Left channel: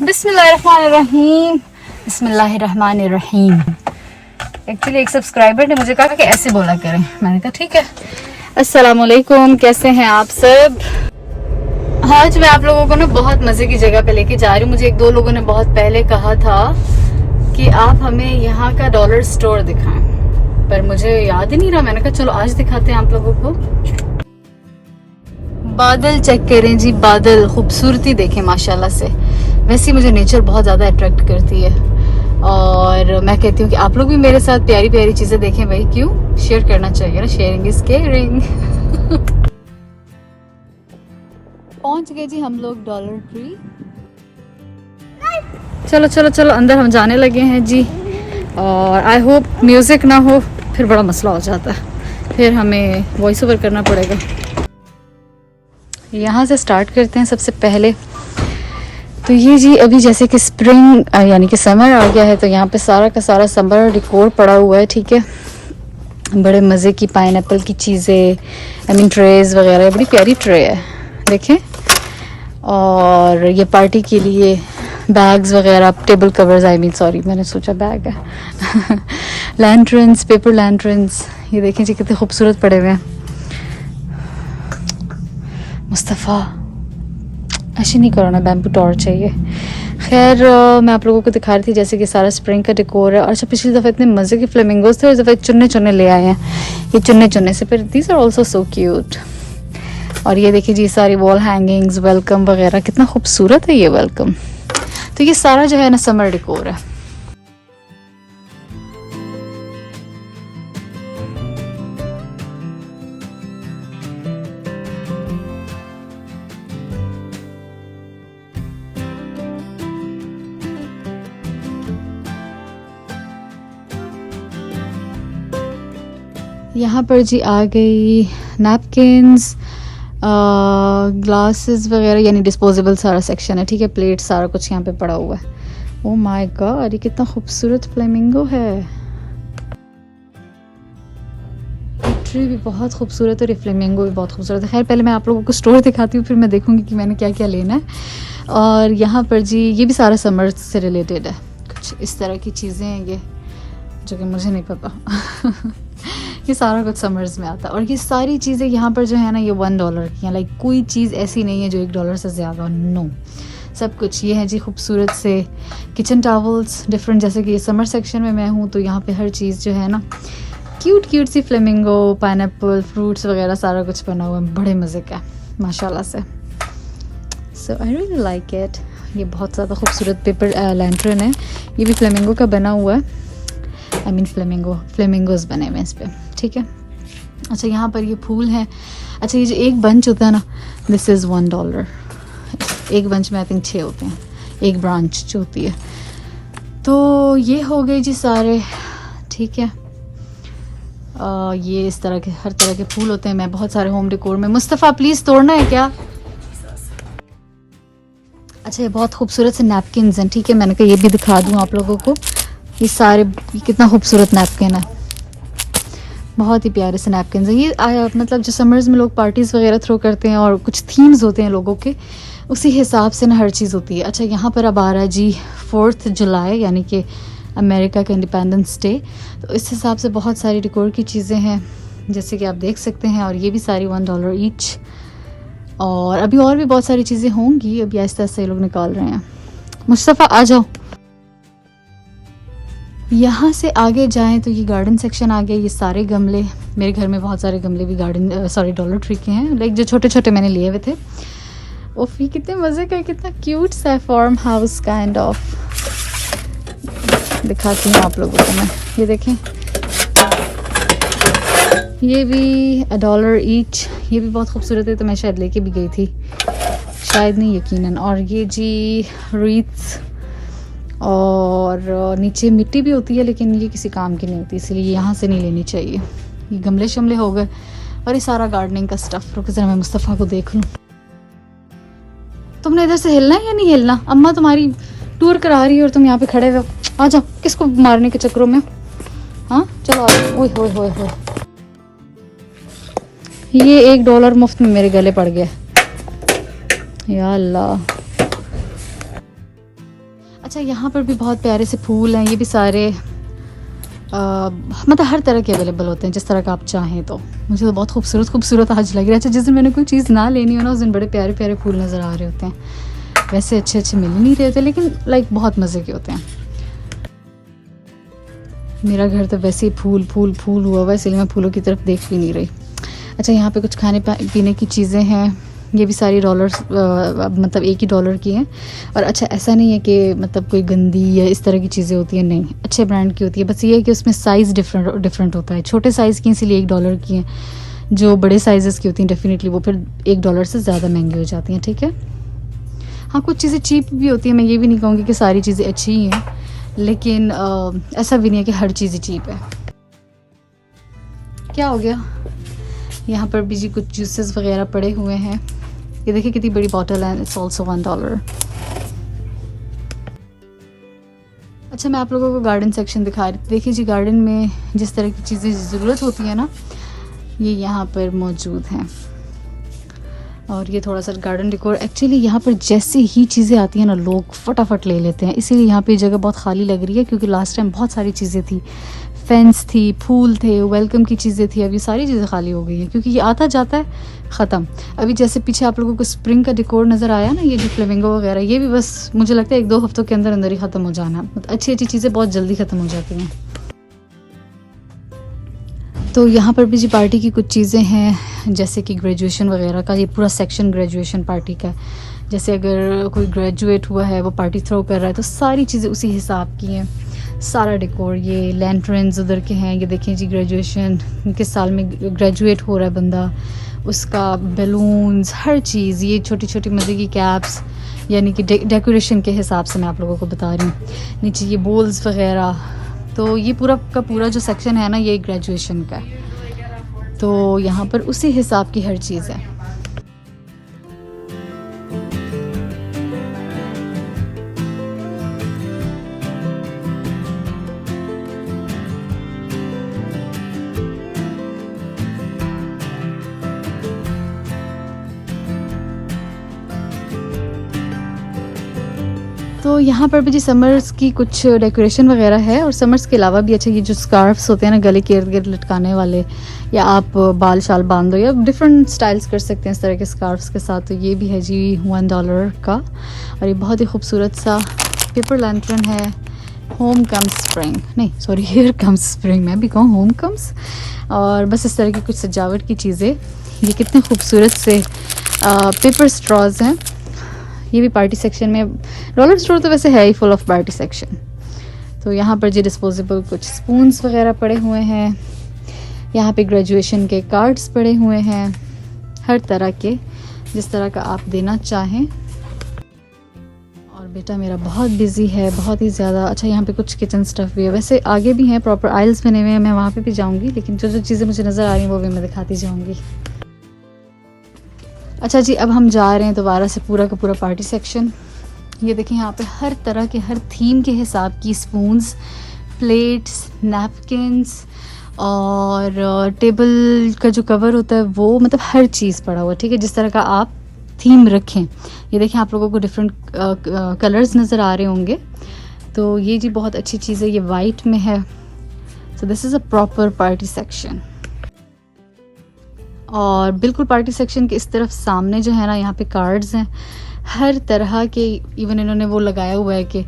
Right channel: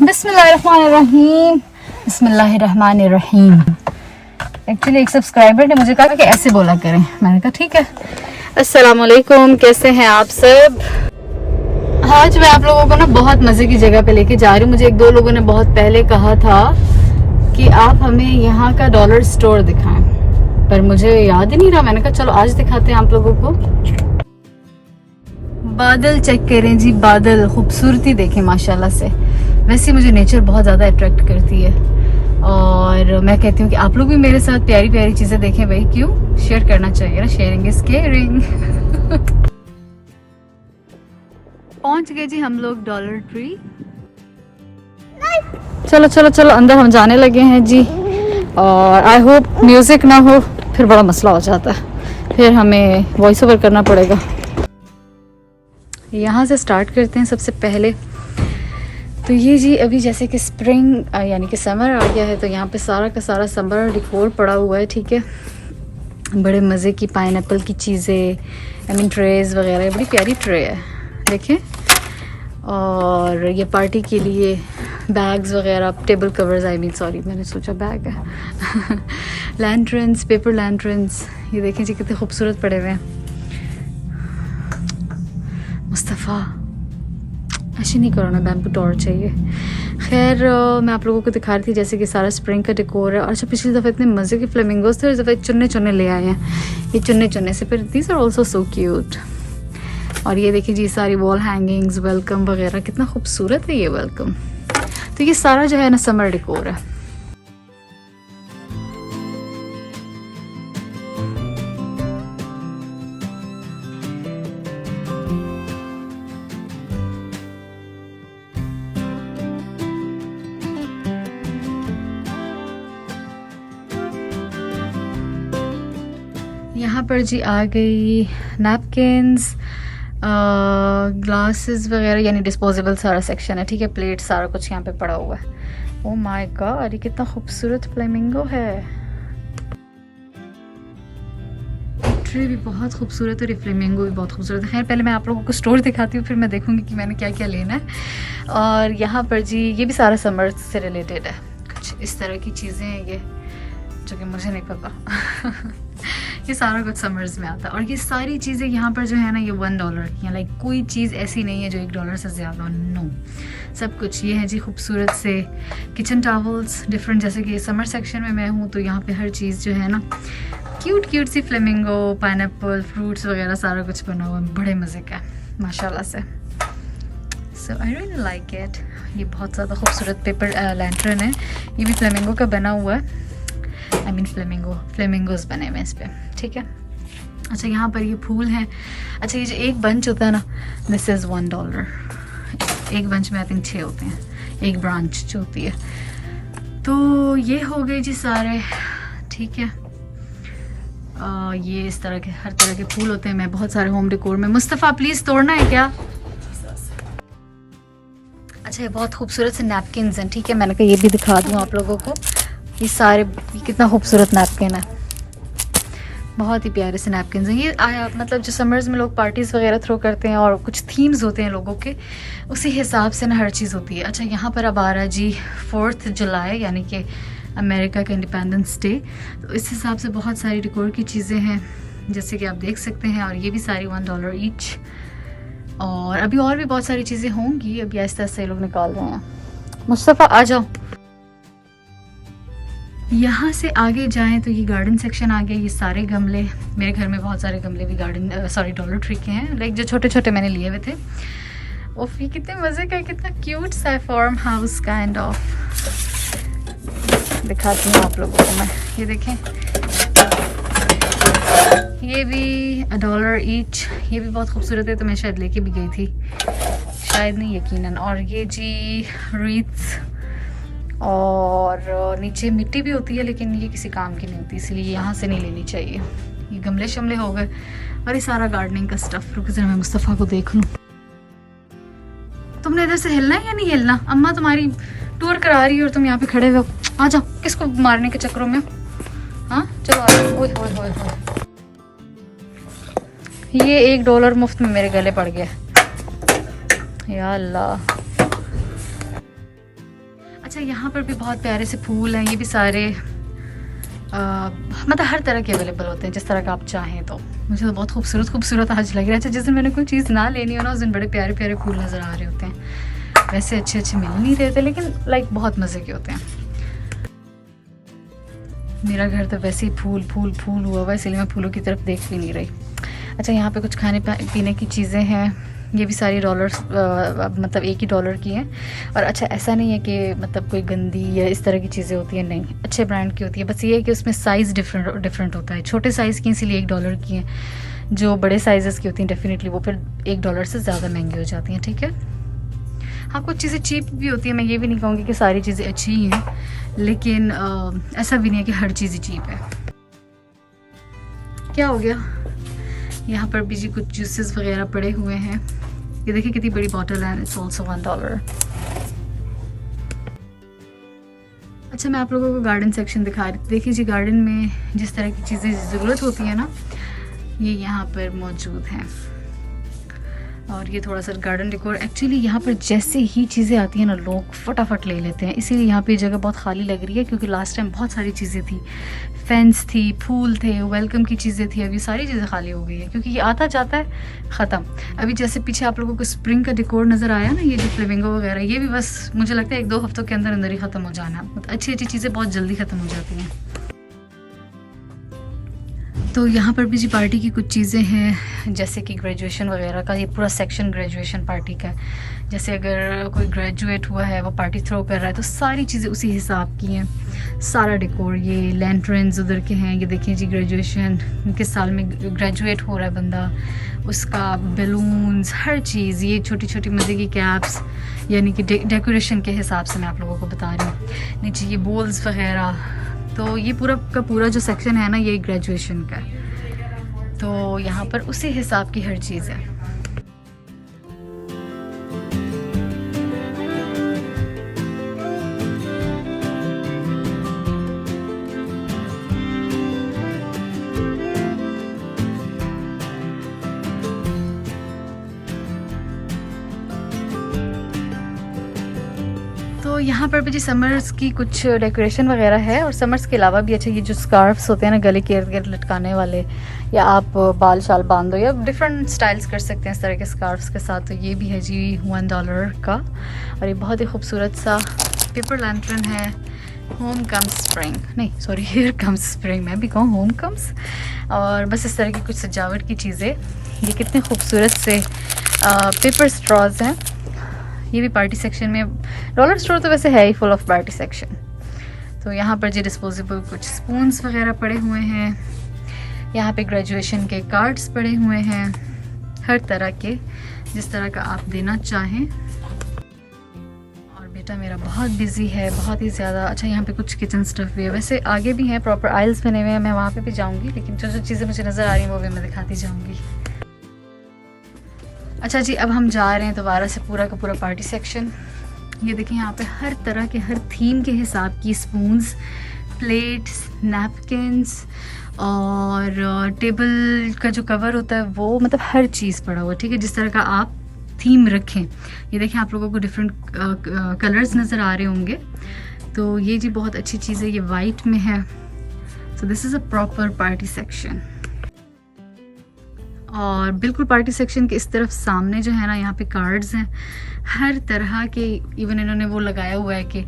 बिस्मिल्लाहिर्रहमानिर्रहीम। बिस्मिल्लाहिर्रहमानिर्रहीम। एक्चुअली एक सब्सक्राइबर ने मुझे कहा कि ऐसे बोला करें, मैंने कहा ठीक है। अस्सलाम वालेकुम, कैसे हैं आप सब? आज मैं आप लोगों को ना बहुत मज़े की जगह पे लेके जा रही हूँ। मुझे एक दो लोगों ने बहुत पहले कहा था कि आप हमें यहाँ का डॉलर स्टोर दिखाएं, पर मुझे याद ही नहीं रहा। मैंने कहा चलो आज दिखाते हैं आप लोगों को। बादल चेक करें जी, बादल खूबसूरती देखें माशाल्लाह से। वैसे मुझे नेचर बहुत ज़्यादा अट्रैक्ट करती है और मैं कहती हूँ कि आप लोग भी मेरे साथ प्यारी प्यारी चीज़ें देखें भाई, क्यों शेयर करना चाहिए ना, शेयरिंग इज केयरिंग। पहुंच गए जी हम लोग डॉलर ट्री। चलो चलो चलो अंदर हम जाने लगे हैं जी। और आई होप म्यूजिक ना हो, फिर बड़ा मसला हो जाता है, फिर हमें वॉइस ओवर करना पड़ेगा। यहाँ से स्टार्ट करते हैं सबसे पहले। तो ये जी अभी जैसे कि स्प्रिंग यानी कि समर आ गया है, तो यहाँ पे सारा का सारा समर डिकोर पड़ा हुआ है, ठीक है। बड़े मज़े की पाइनएप्पल की चीज़ें, आई मीन ट्रेज वगैरह, बड़ी प्यारी ट्रे है देखें। और ये पार्टी के लिए बैग्स वगैरह, table covers, I mean sorry मैंने सोचा बैग है। लैंटर्न्स, पेपर लैंटर्न्स, ये देखें जी कितने खूबसूरत पड़े हुए हैं। मुस्तफ़ा ऐसे नहीं करो ना, बैम्बू टॉर्च चाहिए। खैर मैं आप लोगों को दिखा रही थी जैसे कि सारा स्प्रिंग का डेकोर है। और अच्छा पिछली दफ़ा इतने मज़े के फ्लेमिंगोज थे, और इस दफ़ा चुन्ने चुन्ने ले आए हैं। ये चुन्ने चुन्ने से फिर these are also so cute. और ये देखिए जी सारी वॉल हैंगिंग्स, वेलकम वगैरह, कितना खूबसूरत है ये वेलकम। तो ये सारा जो है ना समर डेकोर है। यहाँ पर जी आ गई नैपकिन्स, ग्लासेस वगैरह, यानी डिस्पोजेबल सारा सेक्शन है, ठीक है। प्लेट सारा कुछ यहाँ पे पड़ा हुआ है। ओह माय गॉड, ये कितना खूबसूरत फ्लेमिंगो है। ट्री भी बहुत खूबसूरत है और ये फ्लेमिंगो भी बहुत खूबसूरत है। खैर पहले मैं आप लोगों को स्टोर दिखाती हूँ, फिर मैं देखूँगी कि मैंने क्या क्या लेना है। और यहाँ पर जी ये भी सारा समर से रिलेटेड है, कुछ इस तरह की चीज़ें हैं ये, जो कि मुझे नहीं पता। ये सारा कुछ समर्स में आता है। और ये सारी चीज़ें यहाँ पर जो है ना ये $1 की हैं। लाइक कोई चीज़ ऐसी नहीं है जो $1 से ज़्यादा, नो। सब कुछ ये है जी खूबसूरत से किचन टॉवल्स डिफरेंट, जैसे कि ये समर सेक्शन में मैं हूँ तो यहाँ पे हर चीज़ जो है ना क्यूट क्यूट सी फ्लेमिंगो, पाइनएप्पल, फ्रूट्स वगैरह सारा कुछ बना हुआ है, बड़े मज़े का माशाल्लाह से। सो आई रियली लाइक इट। ये बहुत ज़्यादा खूबसूरत पेपर लैंटर्न है, ये भी फ्लेमिंगो का बना हुआ है। आई मीन फ्लेमिंगोज बने हुए हैं इस पर, ठीक है। अच्छा यहाँ पर ये फूल हैं। अच्छा ये जो एक बंच होता है ना, दिस इज़ $1। एक बंच में आई थिंक 6 होते हैं, एक ब्रांच जो होती है। तो ये हो गई जी सारे, ठीक है। ये इस तरह के हर तरह के फूल होते हैं। मैं बहुत सारे होम डेकोर में, मुस्तफ़ा प्लीज़ तोड़ना है क्या? अच्छा ये बहुत खूबसूरत से नैपकिन्स हैं, ठीक है। मैंने कहा ये भी दिखा दूँ आप लोगों को। ये सारे, ये कितना खूबसूरत नैपकिन है, बहुत ही प्यारे से नैपकिन हैं ये। मतलब जो समर्स में लोग पार्टीज़ वगैरह थ्रो करते हैं और कुछ थीम्स होते हैं लोगों के, उसी हिसाब से ना हर चीज़ होती है। अच्छा यहाँ पर अब आ रहा जी 4 जुलाई, यानी कि अमेरिका का इंडिपेंडेंस डे, तो इस हिसाब से बहुत सारी डेकोर की चीज़ें हैं जैसे कि आप देख सकते हैं। और ये भी सारी $1 ईच। और अभी और भी बहुत सारी चीज़ें होंगी, अभी आहिस्ता आहिस्ता ये लोग निकाल रहे हैं। मुस्तफ़ा आ जाओ। यहाँ से आगे जाएं तो ये गार्डन सेक्शन आ गया। ये सारे गमले, मेरे घर में बहुत सारे गमले भी गार्डन सॉरी डॉलर ट्री के हैं, लाइक जो छोटे छोटे मैंने लिए हुए थे। ओफ ये कितने मज़े का, कितना क्यूट सा फार्म हाउस काइंड ऑफ। दिखाती हूँ आप लोगों को मैं, ये देखें। ये भी $1 ईच, ये भी बहुत खूबसूरत है, तो मैं शायद लेके भी गई थी, शायद नहीं यकीनन। और ये जी रीथ्स, और नीचे मिट्टी भी होती है लेकिन ये किसी काम की नहीं होती, इसलिए यहाँ से नहीं लेनी चाहिए। ये गमले शमले हो गए और ये सारा गार्डनिंग का स्टफ। रुको जरा मैं मुस्तफ़ा को देख लूँ। तुमने इधर से हिलना है या नहीं हिलना? अम्मा तुम्हारी टूर करा रही है और तुम यहाँ पे खड़े हुए हो। आ जाओ, किसको मारने के चक्करों में? हाँ चलो आ जाओ। ओए होए होए होए, ये $1 मुफ्त में मेरे गले पड़ गए, या अल्लाह। अच्छा यहाँ पर भी बहुत प्यारे से फूल हैं, ये भी सारे मतलब हर तरह के अवेलेबल होते हैं जिस तरह का आप चाहें। तो मुझे तो बहुत खूबसूरत खूबसूरत आज लग रहा है। अच्छा जिस दिन मैंने कोई चीज़ ना लेनी हो ना, उस दिन बड़े प्यारे प्यारे फूल नज़र आ रहे होते हैं। वैसे अच्छे अच्छे मिल नहीं रहे थे, लेकिन लाइक बहुत मज़े के होते हैं। मेरा घर तो वैसे ही फूल फूल फूल हुआ हुआ है, इसलिए मैं फूलों की तरफ देख भी नहीं रही। अच्छा यहाँ पे कुछ खाने पीने की चीज़ें हैं, ये भी सारी डॉलर्स मतलब एक ही डॉलर की हैं। और अच्छा ऐसा नहीं है कि मतलब कोई गंदी या इस तरह की चीज़ें होती हैं, नहीं, अच्छे ब्रांड की होती है। बस ये है कि उसमें साइज़ डिफरेंट होता है। छोटे साइज़ की इसलिए $1 की हैं, जो बड़े साइज़ की होती हैं डेफिनेटली वो फिर $1 से ज़्यादा महंगी हो जाती हैं। ठीक है, हाँ कुछ चीज़ें चीप भी होती हैं, मैं ये भी नहीं कहूँगी कि सारी चीज़ें अच्छी ही हैं, लेकिन ऐसा भी नहीं है कि हर चीज़ चीप है। क्या हो गया, यहाँ पर भी जी कुछ जूसेस वगैरह पड़े हुए हैं। ये देखिए कितनी बड़ी बॉटल है, इट्स ऑल्सो $1। अच्छा मैं आप लोगों को गार्डन सेक्शन दिखा रही थी। देखिए जी गार्डन में जिस तरह की चीज़ें ज़रूरत होती है ना, ये यहाँ पर मौजूद हैं। और ये थोड़ा सा गार्डन डेकोर, एक्चुअली यहाँ पर जैसे ही चीज़ें आती हैं ना लोग फटाफट ले लेते हैं, इसीलिए यहाँ पे जगह बहुत खाली लग रही है। क्योंकि लास्ट टाइम बहुत सारी चीज़ें थी, फेंस थी, फूल थे, वेलकम की चीज़ें थी, अभी सारी चीज़ें खाली हो गई हैं क्योंकि ये आता जाता है ख़त्म। अभी जैसे पीछे आप लोगों को स्प्रिंग का डेकोर नज़र आया ना, ये जो फ्लेमिंगो वगैरह, ये भी बस मुझे लगता है 1-2 हफ्तों के अंदर अंदर ही ख़त्म हो जाना। अच्छी अच्छी चीज़ें बहुत जल्दी ख़त्म हो जाती हैं। तो यहाँ पर भी जी पार्टी की कुछ चीज़ें हैं, जैसे कि ग्रेजुएशन वगैरह का, ये पूरा सेक्शन ग्रेजुएशन पार्टी का। जैसे अगर कोई ग्रेजुएट हुआ है, वो पार्टी थ्रो कर रहा है, तो सारी चीज़ें उसी हिसाब की हैं। सारा डेकोर, ये लैंटर्न्स उधर के हैं, ये देखें जी ग्रेजुएशन किस साल में ग्रेजुएट हो रहा है बंदा, उसका बैलून्स, हर चीज़, ये छोटी छोटी मज़े की कैप्स, यानी कि डेकोरेशन के हिसाब से मैं आप लोगों को बता रही हूँ। नीचे ये बोल्स वगैरह, तो ये पूरा का पूरा जो सेक्शन है ना, ये ग्रेजुएशन का है। तो यहाँ पर उसी हिसाब की हर चीज़ है। तो यहाँ पर भी जी समर्स की कुछ डेकोरेशन वगैरह है, और समर्स के अलावा भी अच्छा ये जो स्कार्फ्स होते हैं ना गले के इर्द गिर्द लटकाने वाले, या आप बाल शाल बांध दो, या डिफरेंट स्टाइल्स कर सकते हैं इस तरह के स्कार्फ्स के साथ। तो ये भी है जी $1 का, और ये बहुत ही खूबसूरत सा पेपर लैंटर्न है। होम कम्स स्प्रिंग, नहीं सॉरी हियर कम्स स्प्रिंग, मैं भी कहूँ होम कम्स। और बस इस तरह की कुछ सजावट की चीज़ें। ये कितने खूबसूरत से पेपर स्ट्रॉज हैं। ये भी पार्टी सेक्शन में, डॉलर स्टोर तो वैसे है ही फुल ऑफ पार्टी सेक्शन। तो यहाँ पर जी डिस्पोजेबल कुछ स्पून्स वगैरह पड़े हुए हैं। यहाँ पे ग्रेजुएशन के कार्ड्स पड़े हुए हैं, हर तरह के, जिस तरह का आप देना चाहें। और बेटा मेरा बहुत बिजी है, बहुत ही ज़्यादा। अच्छा यहाँ पे कुछ किचन स्टफ़ भी है, वैसे आगे भी हैं, प्रॉपर आइल्स बने हुए हैं, मैं वहाँ पे भी जाऊँगी, लेकिन जो जो चीज़ें मुझे नज़र आ रही हैं वो भी मैं दिखाती जाऊँगी। अच्छा जी अब हम जा रहे हैं दोबारा से पूरा का पूरा पार्टी सेक्शन। ये देखिए यहाँ पे हर तरह के, हर थीम के हिसाब की स्पून्स, प्लेट्स, नैपकिन्स, और टेबल का जो कवर होता है वो, मतलब हर चीज़ पड़ा हुआ, ठीक है, जिस तरह का आप थीम रखें। ये देखिए आप लोगों को डिफरेंट कलर्स नज़र आ रहे होंगे। तो ये जी बहुत अच्छी चीज़ है, ये वाइट में है। So this is a proper party section. और बिल्कुल पार्टी सेक्शन के इस तरफ सामने जो है ना, यहाँ पे कार्ड्स हैं हर तरह के। इवन इन्होंने वो लगाया हुआ है कि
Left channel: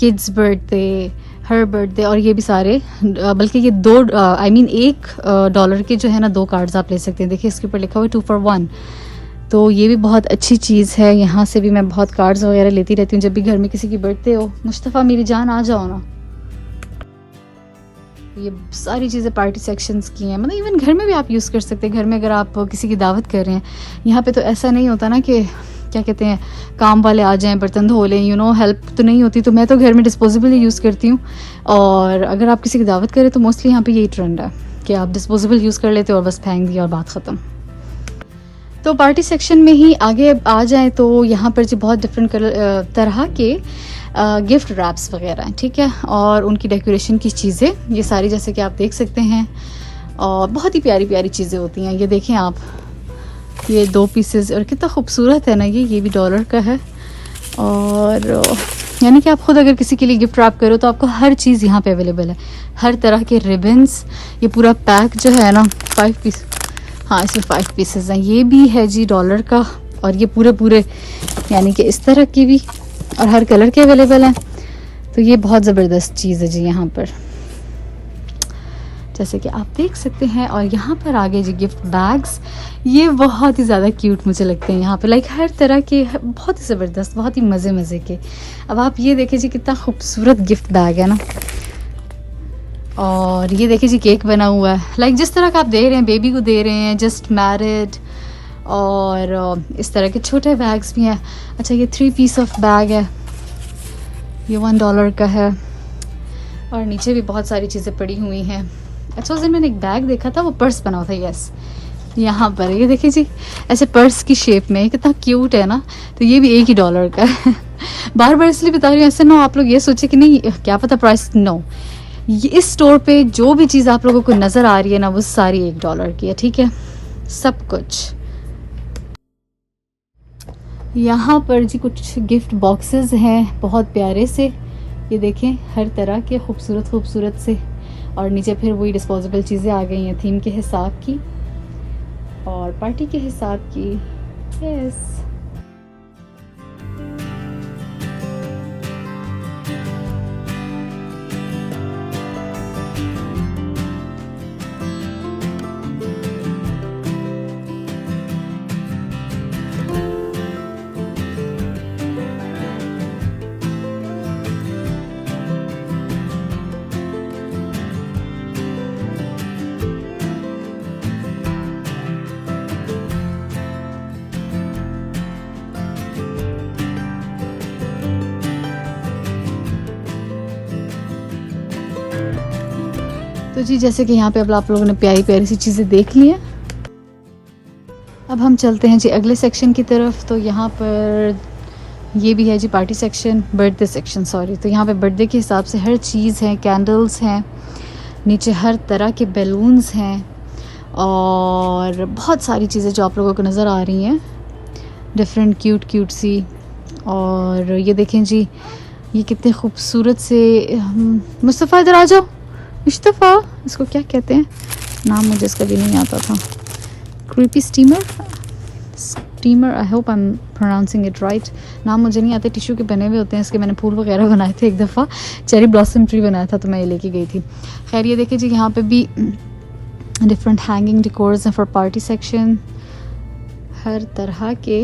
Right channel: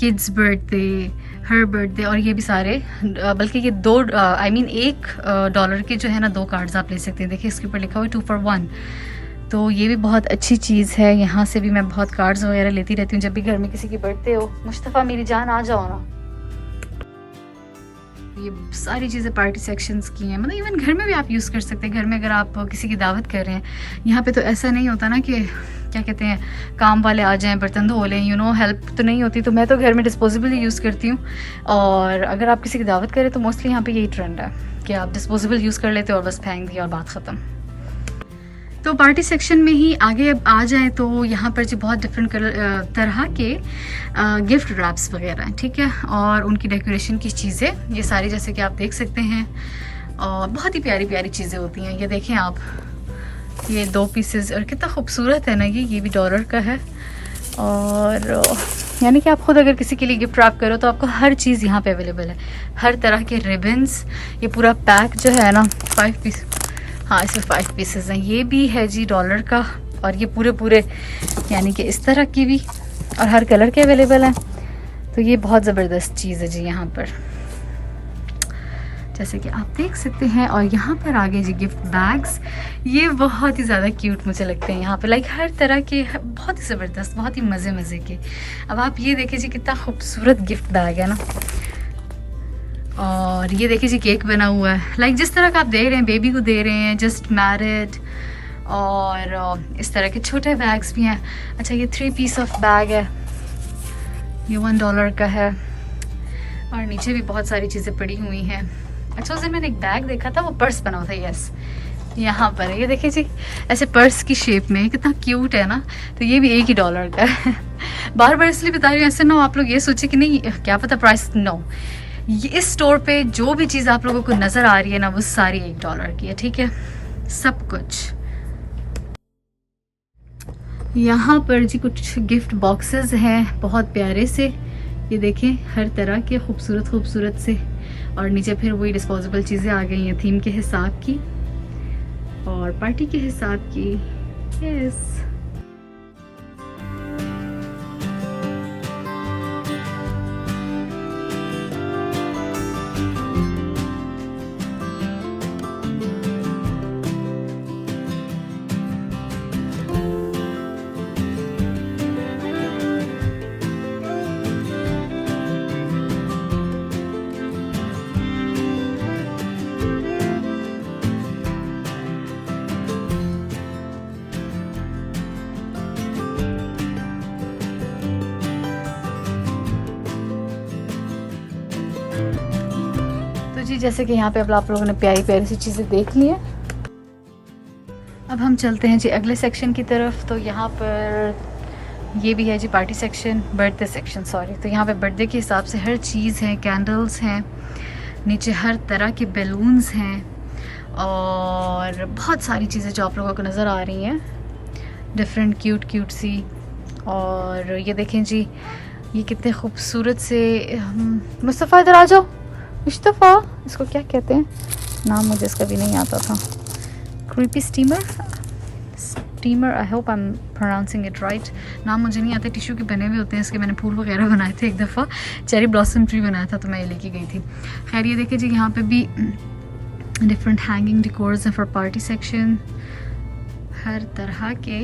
किड्स बर्थडे, हर बर्थडे, और ये भी सारे, बल्कि ये $1 के जो है ना 2 कार्ड्स आप ले सकते हैं। देखिए इसके ऊपर लिखा हुआ है 2 for 1। तो ये भी बहुत अच्छी चीज़ है। यहाँ से भी मैं बहुत कार्ड्स वगैरह लेती रहती हूँ जब भी घर में किसी की बर्थडे हो। मुस्तफ़ा मेरी जान आ जाओ ना। ये सारी चीज़ें पार्टी सेक्शंस की हैं, मतलब इवन घर में भी आप यूज़ कर सकते हैं। घर में अगर आप किसी की दावत कर रहे हैं, यहाँ पे तो ऐसा नहीं होता ना कि क्या कहते हैं, काम वाले आ जाएं, बर्तन धो लें, हेल्प तो नहीं होती। तो मैं तो घर में डिस्पोजेबल ही यूज़ करती हूँ। और अगर आप किसी की दावत करें तो मोस्टली यहाँ पे यही ट्रेंड है कि आप डिस्पोजेबल यूज़ कर लेते हो और बस फेंक दिया और बात ख़त्म। तो पार्टी सेक्शन में ही आगे आ जाएँ तो यहाँ पर जी बहुत डिफरेंट तरह के गिफ्ट रैप्स वगैरह हैं, ठीक है, और उनकी डेकोरेशन की चीज़ें, ये सारी जैसे कि आप देख सकते हैं, और बहुत ही प्यारी प्यारी चीज़ें होती हैं। ये देखें आप, ये 2 पीसेस, और कितना खूबसूरत है ना, ये भी $1 का है। और यानी कि आप खुद अगर किसी के लिए गिफ्ट रैप करो तो आपको हर चीज़ यहाँ पे अवेलेबल है, हर तरह के रिबन्स। ये पूरा पैक जो है ना 5 पीस, हाँ इसमें 5 पीसेस हैं। ये भी है जी डॉलर का, और ये पूरे यानी कि इस तरह की भी, और हर कलर के अवेलेबल हैं। तो ये बहुत ज़बरदस्त चीज़ है जी यहाँ पर, जैसे कि आप देख सकते हैं। और यहाँ पर आगे जी गिफ्ट बैग्स, ये बहुत ही ज़्यादा क्यूट मुझे लगते हैं यहाँ पे, लाइक हर तरह के, बहुत ही ज़बरदस्त, बहुत ही मज़े के। अब आप ये देखिए जी कितना खूबसूरत गिफ्ट बैग है ना। और ये देखिए जी केक बना हुआ है, लाइक जिस तरह का आप दे रहे हैं, बेबी को दे रहे हैं, जस्ट मैरिड। और इस तरह के छोटे बैग्स भी हैं। अच्छा ये 3 पीस ऑफ बैग है, ये $1 का है। और नीचे भी बहुत सारी चीज़ें पड़ी हुई हैं। अच्छा उस दिन मैंने एक बैग देखा था, वो पर्स बना हुआ था, यस यहाँ पर ये देखिए जी ऐसे पर्स की शेप में, कितना क्यूट है ना। तो ये भी $1 का है। बार बार इसलिए बता रही हूँ, ऐसे ना आप लोग ये सोचे कि नहीं क्या पता प्राइस, नो, ये इस स्टोर पे जो भी चीज़ आप लोगों को नज़र आ रही है ना वो सारी $1 की है, ठीक है, सब कुछ। यहाँ पर जी कुछ गिफ्ट बॉक्सेस हैं बहुत प्यारे से, ये देखें हर तरह के खूबसूरत से। और नीचे फिर वही डिस्पोजेबल चीज़ें आ गई हैं थीम के हिसाब की और पार्टी के हिसाब की, यस। तो जी जैसे कि यहाँ पे अब आप लोगों ने प्यारी प्यारी सी चीज़ें देख ली हैं, अब हम चलते हैं जी अगले सेक्शन की तरफ। तो यहाँ पर ये भी है जी party section, birthday section sorry. तो यहाँ पे बर्थडे के हिसाब से हर चीज़ है, कैंडल्स हैं, नीचे हर तरह के बैलून्स हैं और बहुत सारी चीज़ें जो आप लोगों को नज़र आ रही हैं, डिफरेंट क्यूट सी। और ये देखें जी ये कितने खूबसूरत से, मुस्तफ़ा इधर आ जाओ, मुस्तफ़ा इसको क्या कहते हैं, नाम मुझे इसका भी नहीं आता था, creepy steamer, I hope I am pronouncing it right. नाम मुझे नहीं आता, टिश्यू के बने हुए होते हैं इसके, मैंने फूल वगैरह बनाए थे एक दफ़ा, चेरी ब्लॉसम ट्री बनाया था तो मैं ये लेके गई थी। खैर ये देखिए जी यहाँ पे भी डिफरेंट हैंगिंग डिकोर्स हैं फॉर पार्टी सेक्शन, हर तरह के,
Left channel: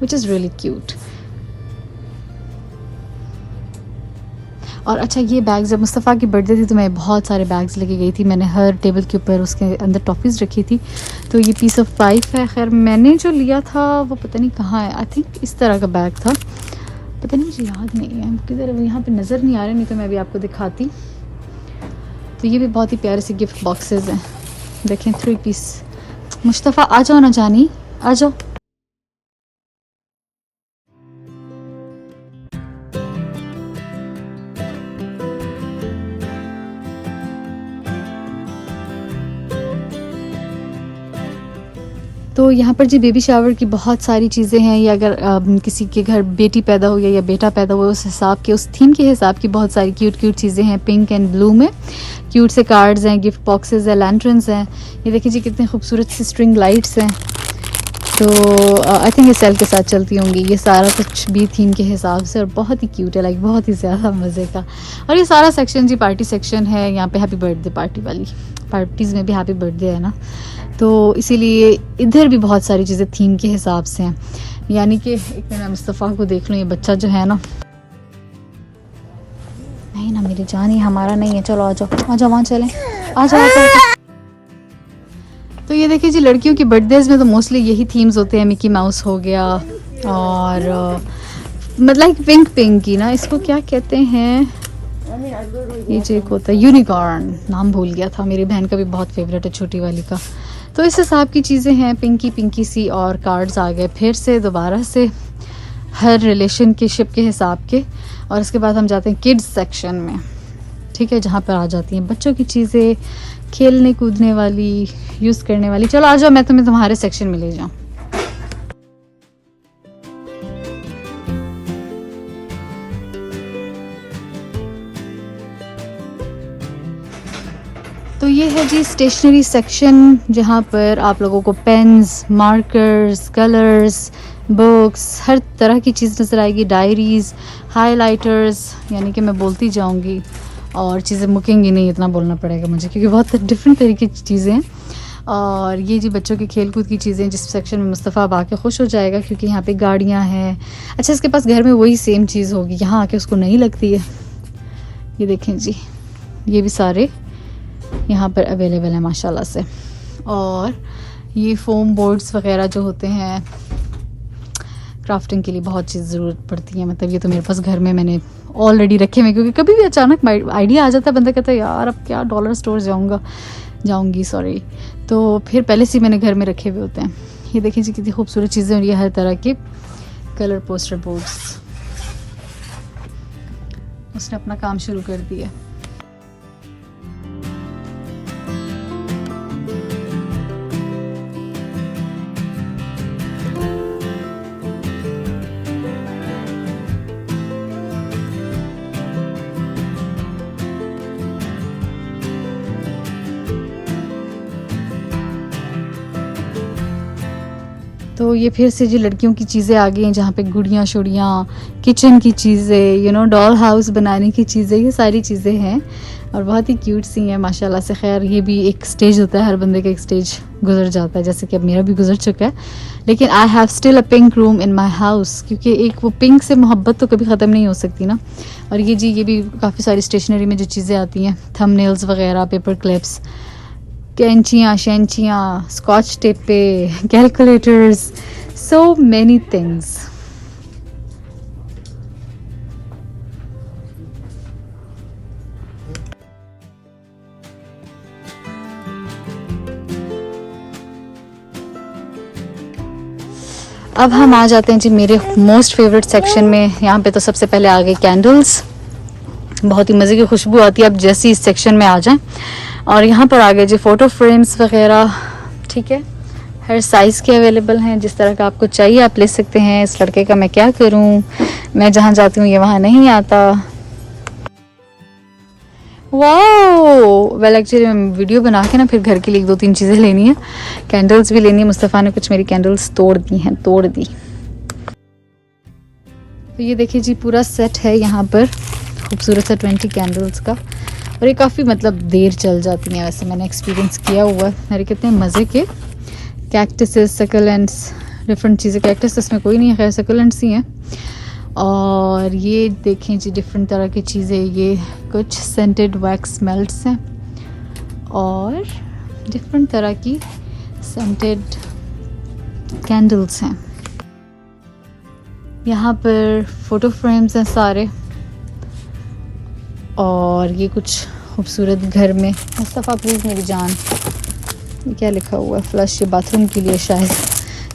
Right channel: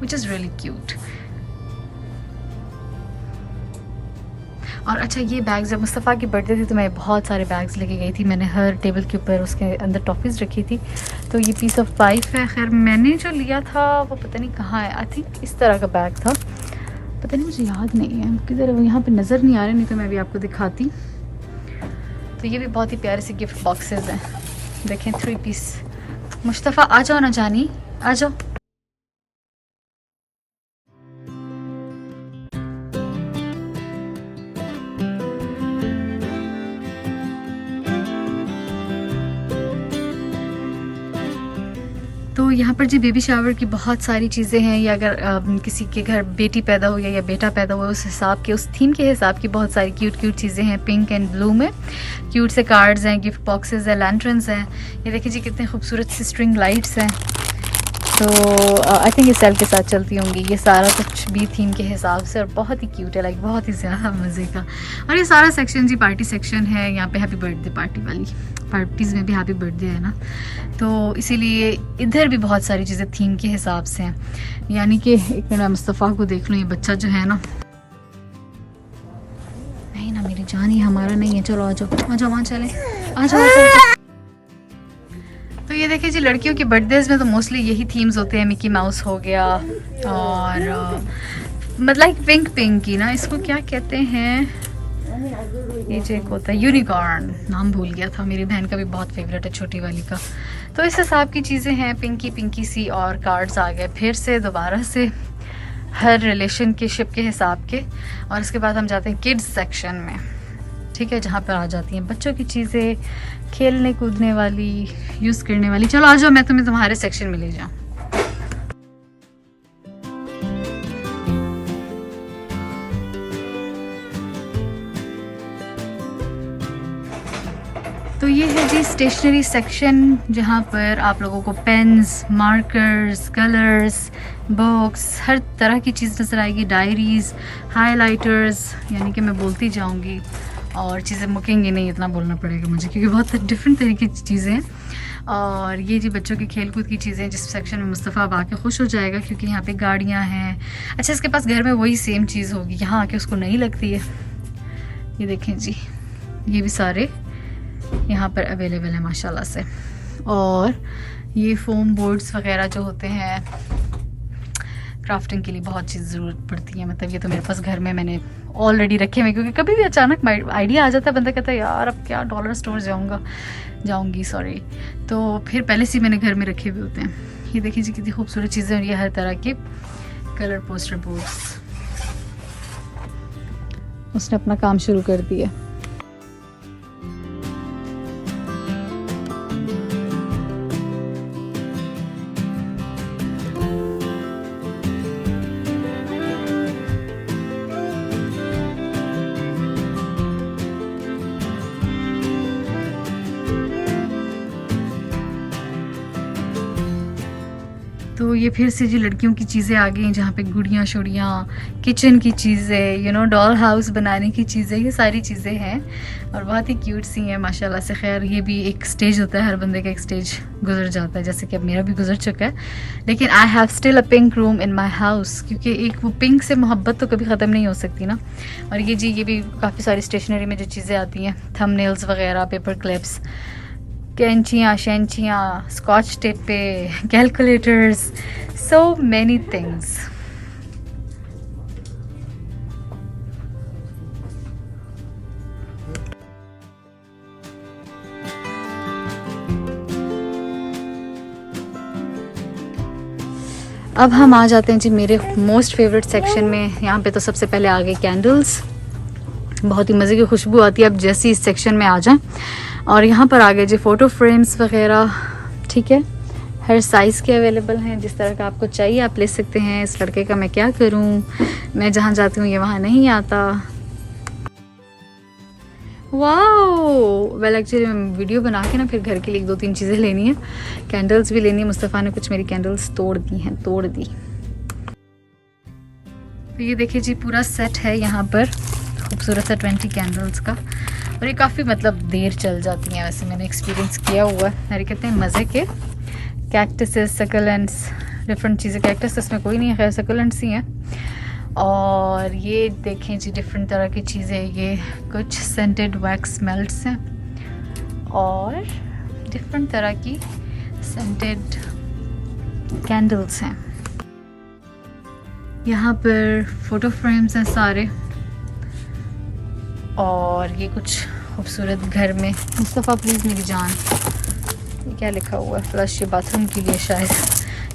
विच इज़ रियली क्यूट। और अच्छा ये बैग जब मुस्तफ़ा की बर्थडे थी तो मैं बहुत सारे बैग्स लेके गई थी, मैंने हर टेबल के ऊपर उसके अंदर टॉफ़ीज़ रखी थी। तो ये पीस ऑफ 5 है। खैर मैंने जो लिया था वो पता नहीं कहाँ है, आई थिंक इस तरह का बैग था, पता नहीं मुझे याद नहीं है किधर, यहाँ पे नज़र नहीं आ रहा, नहीं तो मैं भी आपको दिखाती। तो ये भी बहुत ही प्यारे से गिफ्ट बॉक्सेस हैं, देखें 3 पीस। मुस्तफ़ा आ जाओ ना जानी, आ जाओ। तो यहाँ पर जी बेबी शावर की बहुत सारी चीज़ें हैं, या अगर किसी के घर बेटी पैदा हो गई या बेटा पैदा हुआ उस हिसाब के, उस थीम के हिसाब की बहुत सारी क्यूट चीज़ें हैं। पिंक एंड ब्लू में क्यूट से कार्ड्स हैं, गिफ्ट बॉक्सेस हैं, लैंटर्न्स हैं। ये देखिए जी कितने खूबसूरत सी स्ट्रिंग लाइट्स हैं। तो आई थिंक इस साल के साथ चलती होंगी। ये सारा कुछ भी थीम के हिसाब से और बहुत ही क्यूट है, लाइक बहुत ही ज़्यादा मज़े का। और ये सारा सेक्शन जी पार्टी सेक्शन है, यहाँ पे हैप्पी बर्थडे पार्टी वाली पार्टीज़ में भी हैप्पी बर्थडे है ना, तो इसीलिए इधर भी बहुत सारी चीज़ें थीम के हिसाब से हैं। यानी कि एक मिनट मुस्तफ़ा को देख लो, ये बच्चा जो है ना, नहीं ना मेरी जान, ये हमारा नहीं है, चलो आ जाओ वहाँ चलें, आ जाओ। तो ये देखिए जी लड़कियों की बर्थडेज में तो मोस्टली यही थीम्स होते हैं, मिकी माउस हो गया और मतलब पिंक की ना, इसको क्या कहते हैं, ये जो एक होता है यूनिकॉर्न, नाम भूल गया था, मेरी बहन का भी बहुत फेवरेट है छोटी वाली का। तो इस हिसाब की चीज़ें हैं, पिंकी सी। और कार्ड्स आ गए फिर से दोबारा से हर रिलेशन के शिप के हिसाब के। और इसके बाद हम जाते हैं किड्स सेक्शन में, ठीक है, जहाँ पर आ जाती हैं बच्चों की चीज़ें, खेलने कूदने वाली, यूज़ करने वाली। चलो आ जाओ, मैं तुम्हें तुम्हारे सेक्शन में ले जाऊँ। तो ये है जी स्टेशनरी सेक्शन, जहाँ पर आप लोगों को पेन्स, मार्कर्स, कलर्स, बुक्स, हर तरह की चीज़ नज़र आएगी। डायरीज़, हाइलाइटर्स, यानी कि मैं बोलती जाऊँगी और चीज़ें मुकेंगी नहीं, इतना बोलना पड़ेगा मुझे क्योंकि बहुत डिफरेंट तरीके की चीज़ें हैं। और ये जी बच्चों की खेल कूद की चीज़ें, जिस सेक्शन में मुस्तफ़ा अब आके खुश हो जाएगा क्योंकि यहाँ पे गाड़ियाँ हैं। अच्छा, इसके पास घर में वही सेम चीज़ होगी, यहाँ आके उसको नहीं लगती है। ये देखें जी, ये भी सारे यहाँ पर अवेलेबल है माशाल्लाह से। और ये फोम बोर्ड्स वगैरह जो होते हैं क्राफ्टिंग के लिए बहुत चीज़ ज़रूरत पड़ती है, मतलब ये तो मेरे पास घर में मैंने ऑलरेडी रखे हुए, क्योंकि कभी भी अचानक आइडिया आ जाता है, बंदा कहता है यार अब क्या डॉलर स्टोर जाऊंगी सॉरी, तो फिर पहले से मैंने घर में रखे हुए होते हैं। ये देखिए जी कितनी खूबसूरत चीज़ें, और ये हर तरह के कलर पोस्टर बोर्ड्स। उसने अपना काम शुरू कर दिया। तो ये फिर से जो लड़कियों की चीज़ें आ गई हैं, जहाँ पे गुड़ियाँ शुड़ियाँ, किचन की चीज़ें, डॉल हाउस बनाने की चीज़ें, ये सारी चीज़ें हैं और बहुत ही क्यूट सी हैं माशाल्लाह से। खैर ये भी एक स्टेज होता है, हर बंदे का एक स्टेज गुजर जाता है, जैसे कि अब मेरा भी गुजर चुका है। लेकिन I have still a pink room in my house, क्योंकि एक वो पिंक से मोहब्बत तो कभी ख़त्म नहीं हो सकती ना। और ये जी ये भी काफ़ी सारी स्टेशनरी में जो चीज़ें आती हैं, थंबनेल्स वगैरह, पेपर क्लिप्स, कैंचियाँ, शैंचियाँ, स्कॉच टेप पे, कैलकुलेटर्स, सो मैनी थिंग्स। अब हम आ जाते हैं जी मेरे मोस्ट फेवरेट सेक्शन में। यहाँ पे तो सबसे पहले आ गई कैंडल्स, बहुत ही मज़े की खुशबू आती है अब जैसे इस सेक्शन में आ जाएं। और यहाँ पर आ गए जी फ़ोटो फ्रेम्स वगैरह, ठीक है, हर साइज़ के अवेलेबल हैं, जिस तरह का आपको चाहिए आप ले सकते हैं। इस लड़के का मैं क्या करूँ, मैं जहाँ जाती हूँ ये वहाँ नहीं आता। वाओ, वेल एक्चुअली मैं वीडियो बना के ना फिर घर के लिए 1-2-3 चीज़ें लेनी है, कैंडल्स भी लेनी है। मुस्तफ़ा ने कुछ मेरी कैंडल्स तोड़ दी। तो ये देखिए जी पूरा सेट है यहाँ पर खूबसूरत सा 20 कैंडल्स का, और ये काफ़ी मतलब देर चल जाती हैं, वैसे मैंने एक्सपीरियंस किया हुआ है। मेरे कितने मज़े के कैक्टसेस, सकलेंट्स, डिफरेंट चीज़ें। कैक्टस इसमें कोई नहीं है, खैर सकलेंट्स ही हैं। और ये देखें जी डिफरेंट तरह की चीज़ें, ये कुछ सेंटेड वैक्स मेल्ट्स हैं और डिफरेंट तरह की सेंटेड कैंडल्स हैं। यहाँ पर फ़ोटो फ्रेम्स हैं सारे, और ये कुछ खूबसूरत घर में। मुस्तफ़ा प्लीज़ मेरी जान, क्या लिखा हुआ है, फ्लश, ये बाथरूम के लिए शायद,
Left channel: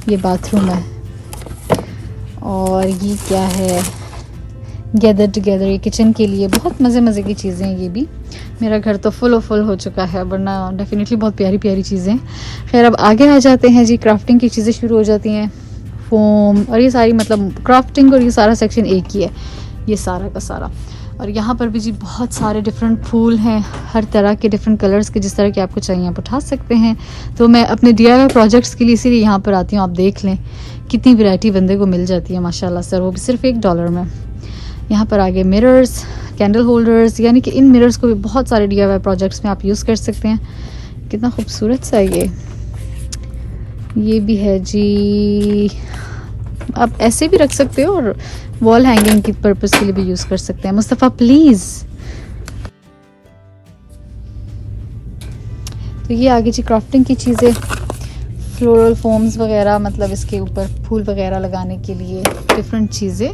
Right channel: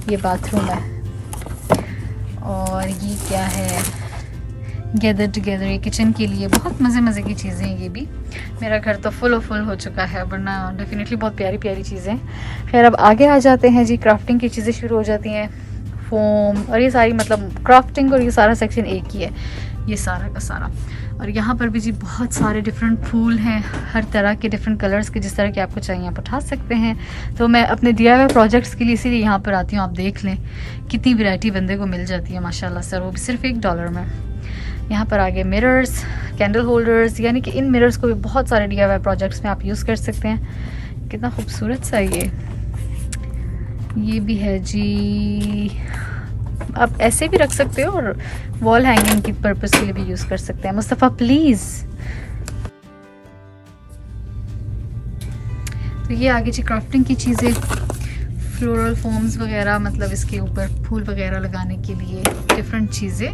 ये बाथरूम है। और ये क्या है, गैदर टुगेदर, ये किचन के लिए। बहुत मज़े की चीज़ें हैं ये भी। मेरा घर तो फुल हो चुका है, वरना डेफिनेटली बहुत प्यारी चीज़ें। खैर अब आगे आ जाते हैं जी, क्राफ्टिंग की चीज़ें शुरू हो जाती हैं, फोम और ये सारी, मतलब क्राफ्टिंग और ये सारा सेक्शन एक ही है, ये सारा का सारा। और यहाँ पर भी जी बहुत सारे डिफरेंट फूल हैं, हर तरह के डिफरेंट कलर्स के, जिस तरह के आपको चाहिए आप उठा सकते हैं। तो मैं अपने DIY प्रोजेक्ट्स के लिए इसीलिए यहाँ पर आती हूँ। आप देख लें कितनी वैरायटी बंदे को मिल जाती है माशाल्लाह से, और वो भी सिर्फ $1 में। यहाँ पर आगे मिरर्स, कैंडल होल्डर्स, यानी कि इन मिरर्स को भी बहुत सारे DIY प्रोजेक्ट्स में आप यूज़ कर सकते हैं। कितना खूबसूरत सा ये भी है जी, आप ऐसे भी रख सकते हो और वॉल हैंगिंग की पर्पस के लिए भी यूज़ कर सकते हैं। मुस्तफ़ा प्लीज़। तो ये आगे जी क्राफ्टिंग की चीज़ें, फ्लोरल फोम्स वगैरह, मतलब इसके ऊपर फूल वगैरह लगाने के लिए डिफरेंट चीज़ें।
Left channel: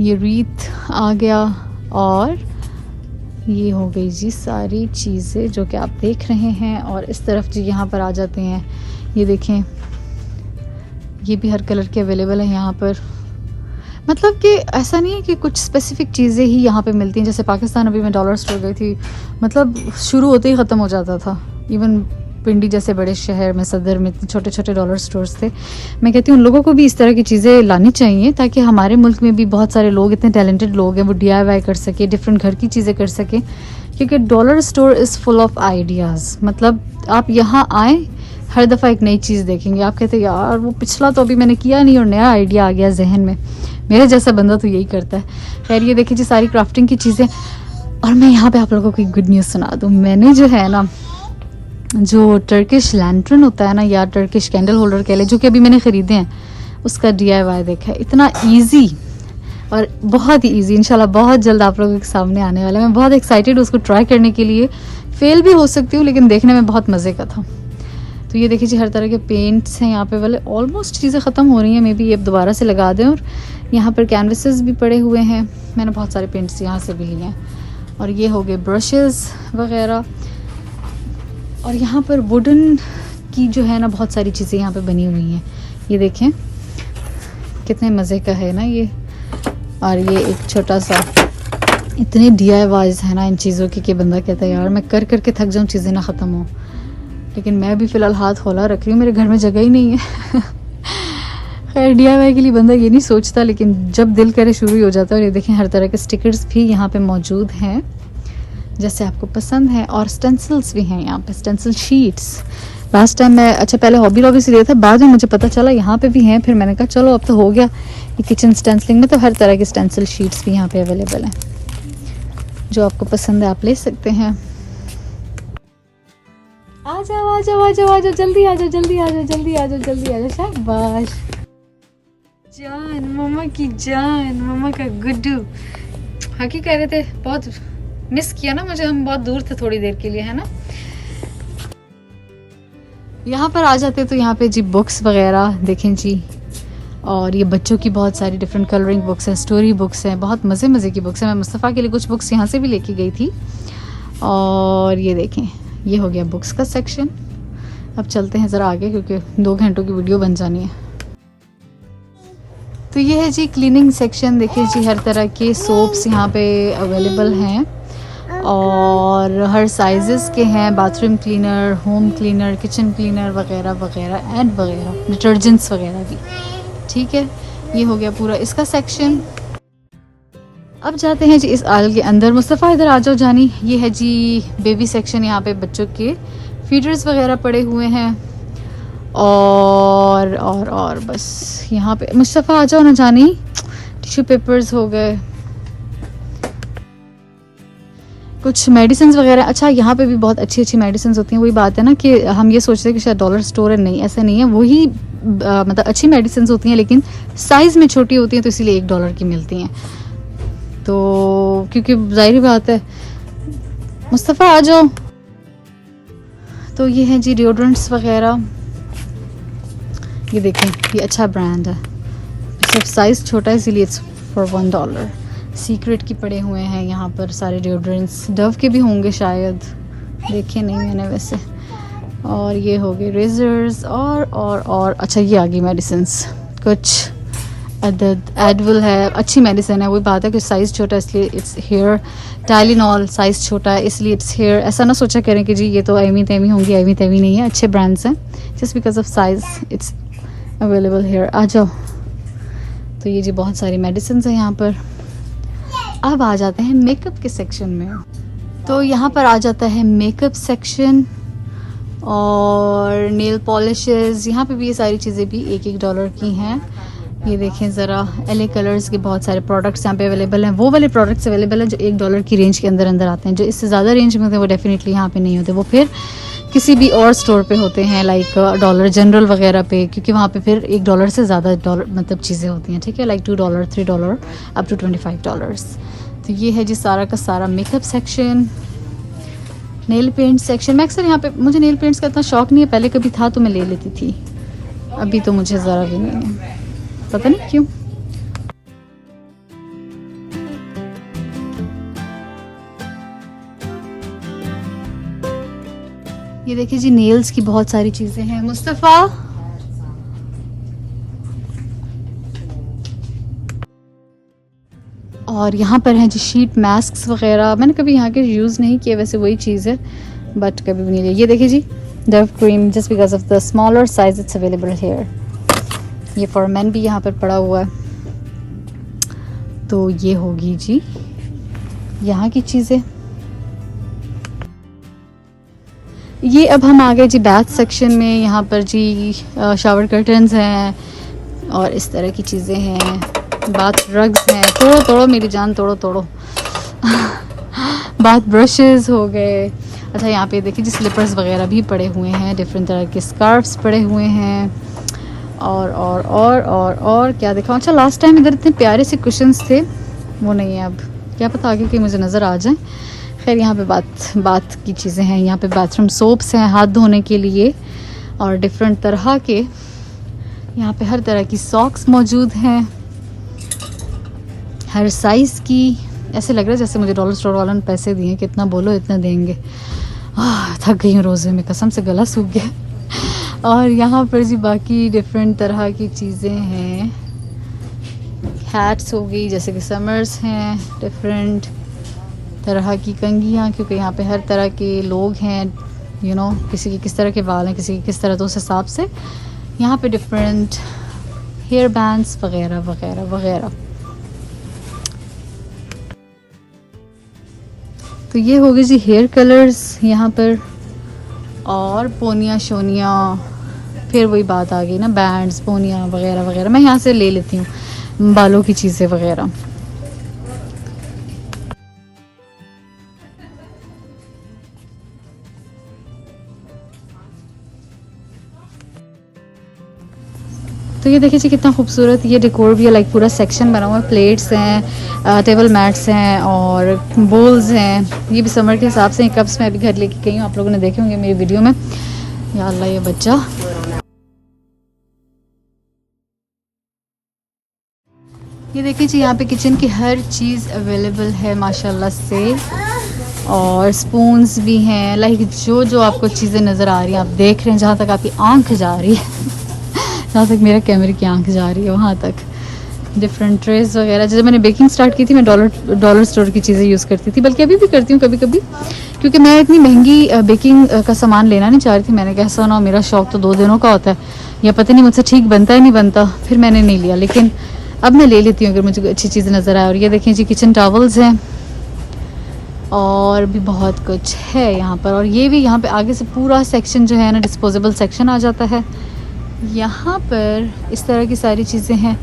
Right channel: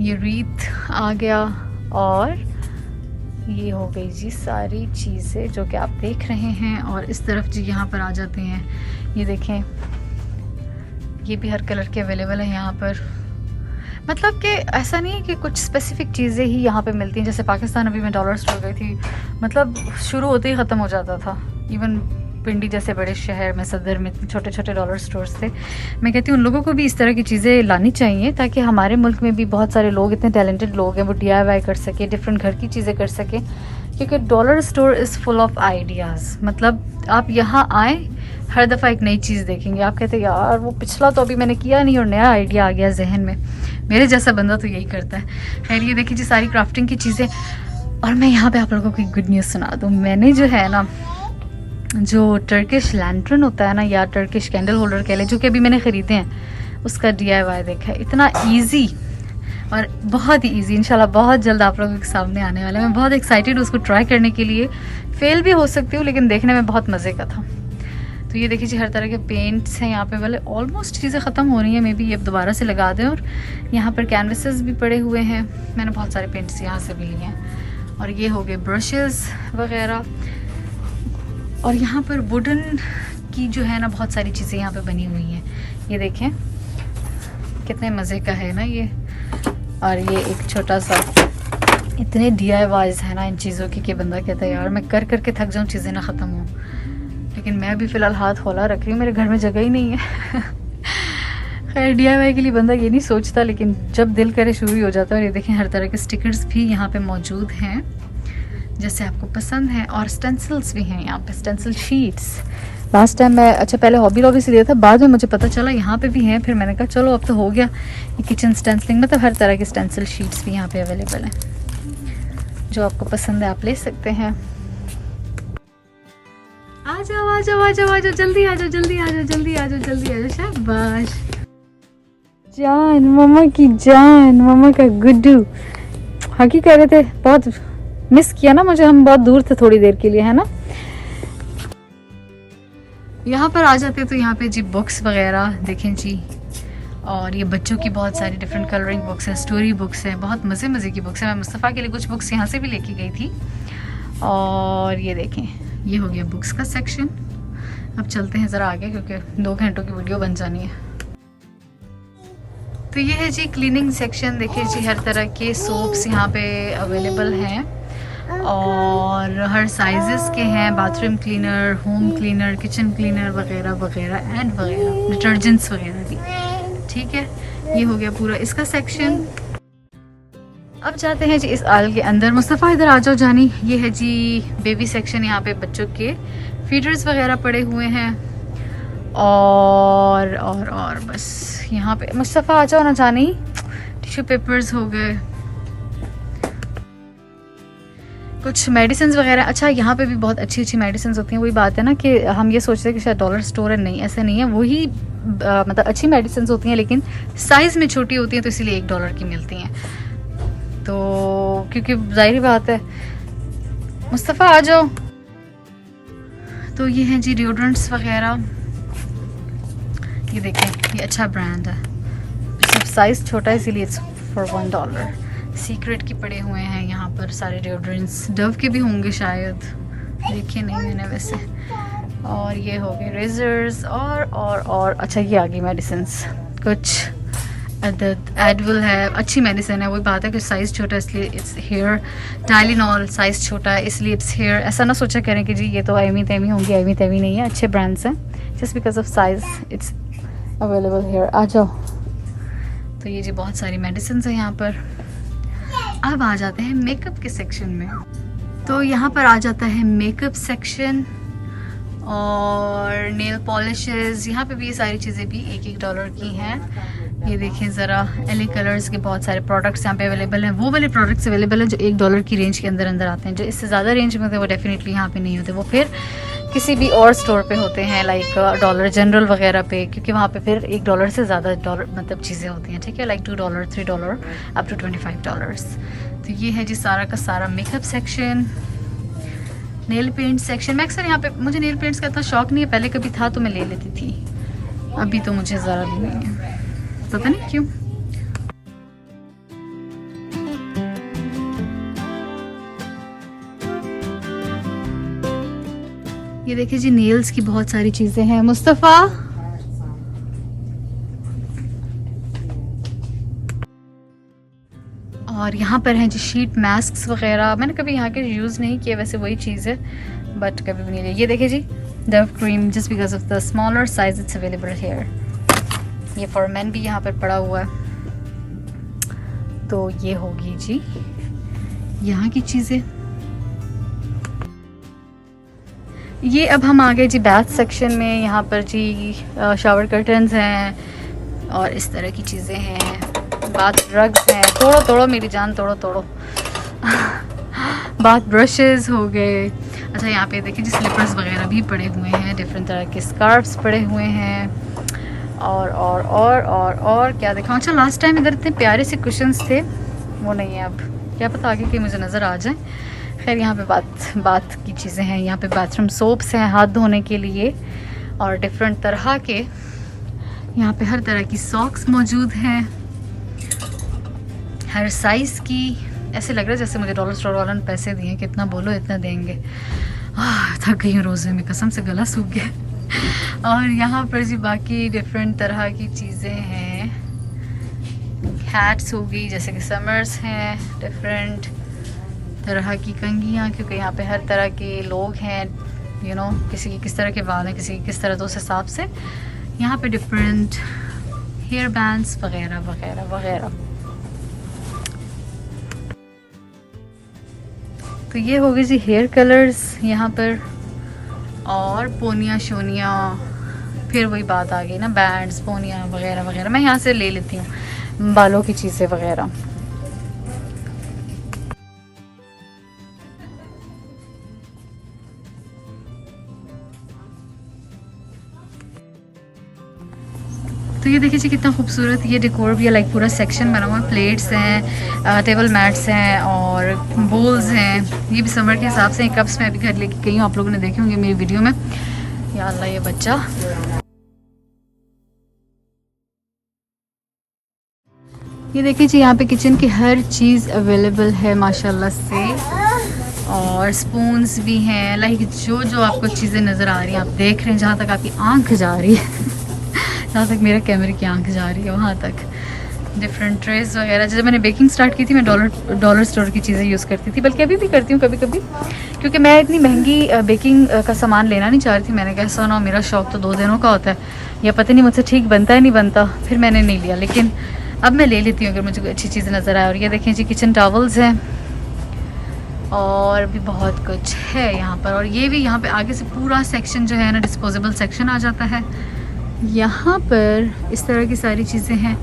ये रीत आ गया, और ये हो गई जी सारी चीज़ें जो कि आप देख रहे हैं। और इस तरफ जी यहाँ पर आ जाते हैं, ये देखें, ये भी हर कलर के अवेलेबल है यहाँ पर। मतलब कि ऐसा नहीं है कि कुछ स्पेसिफिक चीज़ें ही यहाँ पे मिलती हैं। जैसे पाकिस्तान अभी मैं डॉलर स्टोर गई थी, मतलब शुरू होते ही ख़त्म हो जाता था। इवन पिंडी जैसे बड़े शहर में, सदर में इतने छोटे डॉलर स्टोर्स थे। मैं कहती हूँ उन लोगों को भी इस तरह की चीज़ें लानी चाहिए, ताकि हमारे मुल्क में भी बहुत सारे लोग, इतने टैलेंटेड लोग हैं, वो DIY कर सके, डिफरेंट घर की चीज़ें कर सके। क्योंकि dollar store is full of ideas. मतलब आप यहाँ आए, हर दफ़ा एक नई चीज़ देखेंगे, आप कहते हैं यार वो पिछला तो अभी मैंने किया नहीं और नया आइडिया आ गया जहन में। मेरे जैसा बंदा तो यही करता है। खैर ये देखिए जी सारी क्राफ्टिंग की चीज़ें। और मैं यहाँ पे आप लोगों को एक गुड न्यूज़ सुना दूँ। मैंने जो है ना, जो टर्किश लैंटर्न होता है ना, या टर्किश कैंडल होल्डर कह ले, जो कि अभी मैंने ख़रीदे हैं, उसका DIY देखा है। इतना ईजी और बहुत ही ईजी, इंशाल्लाह बहुत जल्द आप लोगों के सामने आने वाला है। मैं बहुत एक्साइटेड हूँ उसको ट्राई करने के लिए। फेल भी हो सकती हूँ लेकिन देखने में बहुत मज़े का था। तो ये देखिए जी हर तरह के पेंट्स हैं यहाँ पे वाले। ऑलमोस्ट चीज़ें ख़त्म हो रही हैं, मे बी ये दोबारा से लगा दें। और यहाँ पर कैनवसेस भी पड़े हुए हैं। मैंने बहुत सारे पेंट्स यहाँ से भी लिए हैं। और ये हो गए ब्रशेस वगैरह। और यहाँ पर वुडन की जो है ना बहुत सारी चीज़ें यहाँ पे बनी हुई हैं। ये देखें कितने मज़े का है ना ये। और ये एक छोटा सा, इतने DIYs है ना इन चीज़ों की कि बंदा कहता है यार मैं कर करके थक जाऊँ, चीज़ें ना ख़त्म हों। लेकिन मैं अभी फ़िलहाल हाथ खोला रख रही हूँ, मेरे घर में जगह ही नहीं है। खैर DIY के लिए बंदा ये नहीं सोचता, लेकिन जब दिल करे शुरू ही हो जाता है। और ये देखें हर तरह के स्टिकर्स भी यहाँ पे मौजूद हैं जैसे आपको पसंद है। और स्टेंसिल्स भी हैं यहाँ पे, स्टेंसिल शीट्स। लास्ट टाइम मैं पहले हॉबी लॉबी से लिया था, बाद में मुझे पता चला यहाँ पे भी हैं। फिर मैंने कहा चलो अब तो हो गया ये किचन स्टेंसिलिंग। मतलब हर तरह के स्टेंसिल शीट्स भी यहाँ पे अवेलेबल हैं। जो आपको पसंद है आप ले सकते हैं। आ जाओ आ जाओ आ जाओ आ जाओ, जल्दी आ जाओ जल्दी आ जाओ जल्दी आ जाओ जल्दी आ जाओ। शाबाश जान, मम्मा की जान, मम्मा का गुड्डू। हकी कह रहे थे बहुत मिस किया ना मुझे, हम बहुत दूर थे थोड़ी देर के लिए, है ना। यहाँ पर आ जाते तो यहाँ पे जी बुक्स वगैरह देखें जी। और ये बच्चों की बहुत सारी डिफरेंट कलरिंग बुक्स हैं, स्टोरी बुक्स हैं, बहुत मज़े मज़े की बुक्स हैं। मैं मुस्तफ़ा के लिए कुछ बुक्स यहाँ से भी लेके गई थी। और ये देखें ये हो गया बुक्स का सेक्शन। अब चलते हैं ज़रा आगे क्योंकि 2 घंटों की वीडियो बन जानी है। तो ये है जी क्लीनिंग सेक्शन। देखिए जी हर तरह के सोप्स यहाँ पे अवेलेबल हैं और हर साइजेस के हैं। Bathroom cleaner, home cleaner, kitchen cleaner वगैरह वगैरह एंड वगैरह, डिटर्जेंट्स वगैरह भी। ठीक है, ये हो गया पूरा इसका सेक्शन। अब जाते हैं जी इस आल के अंदर। मुस्तफ़ा इधर आ जाओ जानी। ये है जी बेबी सेक्शन। यहाँ पे बच्चों के फीडर्स वगैरह पड़े हुए हैं। और बस यहाँ पे मुस्तफ़ा आ जाओ ना जानी। टिश्यू पेपर्स हो गए, कुछ मेडिसिन वगैरह। अच्छा यहाँ पे भी बहुत अच्छी अच्छी मेडिसिन होती हैं। वही बात है ना कि हम ये सोचते हैं कि शायद डॉलर स्टोर है, नहीं ऐसा नहीं है। वही मतलब अच्छी मेडिसिन होती हैं लेकिन साइज़ में छोटी होती हैं, तो इसीलिए $1 की मिलती हैं। तो क्योंकि जाहिर बात है। मुस्तफ़ा आ जाओ। तो ये है जी डिओड्रेंट्स वगैरह। ये देखें ये अच्छा ब्रांड है, सब साइज़ छोटा है इसीलिए इट्स फॉर $1। सीक्रेट की पड़े हुए हैं यहाँ पर सारे डिओड्रेंट्स। डव के भी होंगे शायद, देखे नहीं मैंने वैसे। और ये हो गए रेजर्स और अच्छा ये आ गई मेडिसिन्स। कुछ एडविल है, अच्छी मेडिसिन है। वही बात है कि साइज़ छोटा है इसलिए इट्स हेयर। टाइलिनॉल साइज़ छोटा है इसलिए इट्स हेयर। ऐसा ना सोचा करें कि जी ये तो एमी तेमी होंगी, एमी तेमी नहीं है, अच्छे ब्रांड्स हैं। Just because of size it's available here. आ जाओ। तो ये जी बहुत सारी मेडिसिन है यहाँ पर। अब आ जाते हैं मेकअप के सेक्शन में। तो यहाँ पर आ जाता है मेकअप सेक्शन और नेल पॉलिशेस। यहाँ पे भी ये सारी चीज़ें भी $1 की हैं। ये देखें ज़रा, LA कलर्स के बहुत सारे प्रोडक्ट्स यहाँ पे अवेलेबल हैं। वो वाले प्रोडक्ट्स अवेलेबल हैं जो $1 की रेंज के अंदर अंदर आते हैं। जो इससे ज़्यादा रेंज में होते हैं वो डेफिनेटली यहाँ पे नहीं होते, वो फिर किसी भी और स्टोर पे होते हैं, लाइक डॉलर जनरल वगैरह पे, क्योंकि वहाँ पे फिर $1 से ज़्यादा मतलब चीज़ें होती हैं। ठीक है, लाइक $2, $3 अप टू $25। तो ये है जी सारा का सारा makeup section. Nail paint section. मैं अक्सर यहाँ पे, मुझे नेल पेंट्स का इतना शौक नहीं है, पहले कभी था तो मैं ले लेती थी, अभी तो मुझे ज़रा भी नहीं है, पता नहीं क्यों। ये देखिए जी नेल्स की बहुत सारी चीज़ें हैं। मुस्तफ़ा और यहाँ पर हैं जी शीट मास्क वगैरह। मैंने कभी यहाँ के यूज़ नहीं किए, वैसे वही चीज़ है बट कभी भी नहीं लिया। ये देखिए जी Dove cream, just because of the smaller size it's available here. ये फॉर मेन भी यहाँ पर पड़ा हुआ है। तो ये होगी जी यहाँ की चीज़ें। ये अब हम आ गए जी बैथ सेक्शन में। यहाँ पर जी शावर कर्टन्स हैं और इस तरह की चीज़ें हैं, बाथ रग्स हैं। तोड़ो तोड़ो मेरी जान, तोड़ो तोड़ो। बाथ ब्रशेस हो गए। अच्छा यहाँ पे देखिए जी स्लीपर्स वगैरह भी पड़े हुए हैं, डिफरेंट तरह के स्कार्फ्स पड़े हुए हैं और क्या देखा। अच्छा लास्ट टाइम इधर इतने प्यारे से कुशन्स थे, वो नहीं है अब, क्या पता आगे कि मुझे नज़र आ जाए। खैर यहाँ पे बात की चीज़ें हैं। यहाँ पे बाथरूम सोप्स हैं हाथ धोने के लिए और डिफरेंट तरह के, यहाँ पे हर तरह की सॉक्स मौजूद हैं, हर साइज़ की। ऐसे लग रहा है जैसे मुझे डॉलर स्टोर वालों ने पैसे दिए, कितना बोलो इतना देंगे। थक गई हूँ रोज़े में, कसम से गला सूख गया। और यहाँ पर जी बाकी डिफरेंट तरह की चीज़ें हैं। हैट्स हो गई, जैसे कि समर्स हैं, डिफरेंट तरह की कंघियाँ, क्योंकि यहाँ पे हर तरह के लोग हैं, यू नो, किसी के किस तरह के बाल हैं, किसी के किस तरह, तो उस हिसाब से यहाँ पे डिफरेंट हेयर बैंड्स वगैरह वगैरह वगैरह। तो ये होगी जी हेयर कलर्स यहाँ पर, और पोनिया शोनिया, फिर वही बात आ गई ना, बैंड्स पोनिया वगैरह वगैरह। मैं यहाँ से ले लेती हूँ बालों की चीज़ें वगैरह। तो ये देखिए जी कितना खूबसूरत ये डेकोर भी है, लाइक पूरा सेक्शन बना हुआ है। प्लेट्स हैं, टेबल मैट्स हैं और बोल्स हैं। ये भी समर के हिसाब से कप्स मैं अभी घर लेके गई हूँ, आप लोगों ने देखे होंगे मेरी वीडियो में। या अल्लाह ये बच्चा। ये देखिए जी यहाँ पे किचन की हर चीज़ अवेलेबल है माशाल्लाह से, और स्पून्स भी हैं। लाइक जो जो आपको चीज़ें नज़र आ रही हैं, आप देख रहे हैं, जहाँ तक आपकी आंख जा रही है जहाँ तक मेरा कैमरे की आंख जा रही है वहाँ तक डिफरेंट ट्रेस वगैरह। जब मैंने बेकिंग स्टार्ट की थी मैं डॉलर स्टोर की चीज़ें यूज़ करती थी, बल्कि अभी भी करती हूँ कभी कभी, क्योंकि मैं इतनी महंगी बेकिंग का सामान लेना नहीं चाह रही थी। मैंने कहा सुना मेरा शौक तो 2 दिनों का होता है, या पता नहीं मुझसे ठीक बनता है नहीं बनता, फिर मैंने नहीं लिया। लेकिन अब मैं ले लेती हूँ अगर मुझे अच्छी चीज़ नज़र आए। और ये देखें जी किचन टॉवल्स हैं और भी बहुत कुछ है यहाँ पर। और ये भी यहाँ पे आगे से पूरा सेक्शन जो है ना डिस्पोजेबल सेक्शन आ जाता है। यहाँ पर इस तरह की सारी चीज़ें हैं,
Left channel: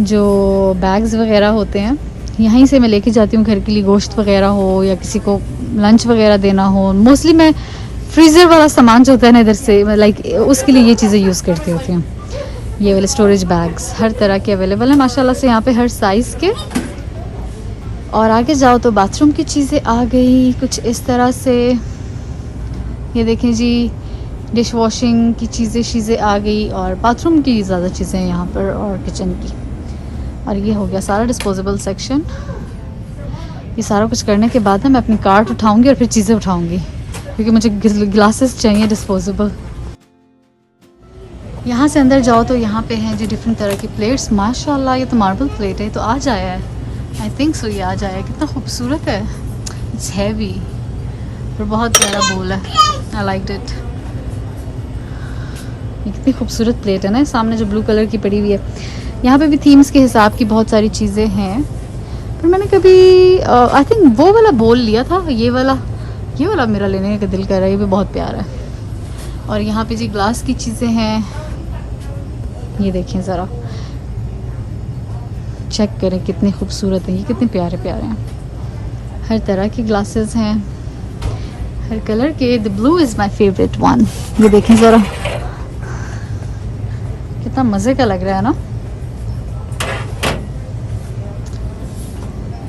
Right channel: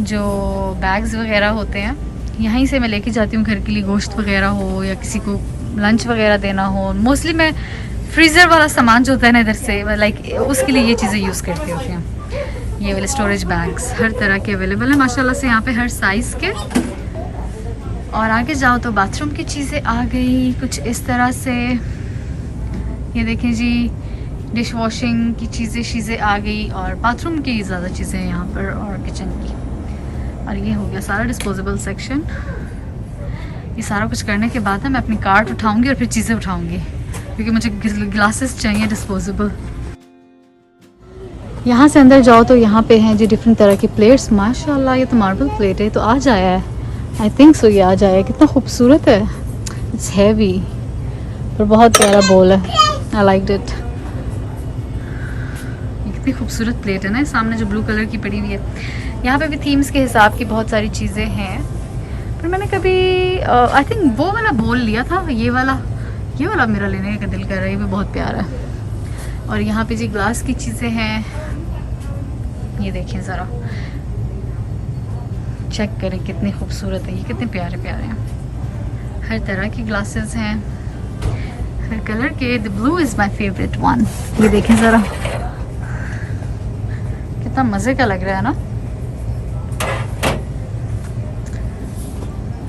जो बैग्स वगैरह होते हैं, यहीं से मैं लेके जाती हूँ घर के लिए, गोश्त वगैरह हो या किसी को लंच वगैरह देना हो। मोस्टली मैं फ्रीज़र वाला सामान जो होता है ना इधर से, लाइक उसके लिए ये चीज़ें यूज़ करती होती हूँ। ये वाले स्टोरेज बैग्स हर तरह के अवेलेबल हैं माशाल्लाह से यहाँ पे, हर साइज़ के। और आगे जाओ तो बाथरूम की चीज़ें आ गई कुछ इस तरह से। ये देखें जी डिश वॉशिंग की चीज़ें आ गई, और बाथरूम की ज़्यादा चीज़ें हैं यहाँ पर, और किचन की। और ये हो गया सारा डिस्पोजेबल सेक्शन। ये सारा कुछ करने के बाद ना मैं अपनी कार्ट उठाऊंगी और फिर चीज़ें उठाऊंगी, क्योंकि मुझे ग्लासेस चाहिए डिस्पोजेबल। यहाँ से अंदर जाओ तो यहाँ पे हैं जी डिफरेंट तरह के प्लेट्स। माशाल्लाह ये तो मार्बल प्लेट है, तो आज आया है, आई थिंक सो ये आज आया है। कितना खूबसूरत है, इट्स हैवी और बहुत प्यारा बोल है, आई लाइक इट। कितनी खूबसूरत प्लेट है ना, सामने जो ब्लू कलर की पड़ी हुई है। यहाँ पे भी थीम्स के हिसाब की बहुत सारी चीज़ें हैं, पर मैंने कभी आई थिंक वो वाला बोल लिया था। ये वाला मेरा लेने का दिल कर रहा है, ये भी बहुत प्यारा है। और यहाँ पे जी ग्लास की चीज़ें हैं, ये देखिए ज़रा चेक करें कितनी खूबसूरत है, ये कितने प्यारे प्यारे हैं। हर तरह की ग्लासेस हैं, हर कलर के। The blue is my favourite one. ये देखें ज़रा कितना मज़े का लग रहा है ना।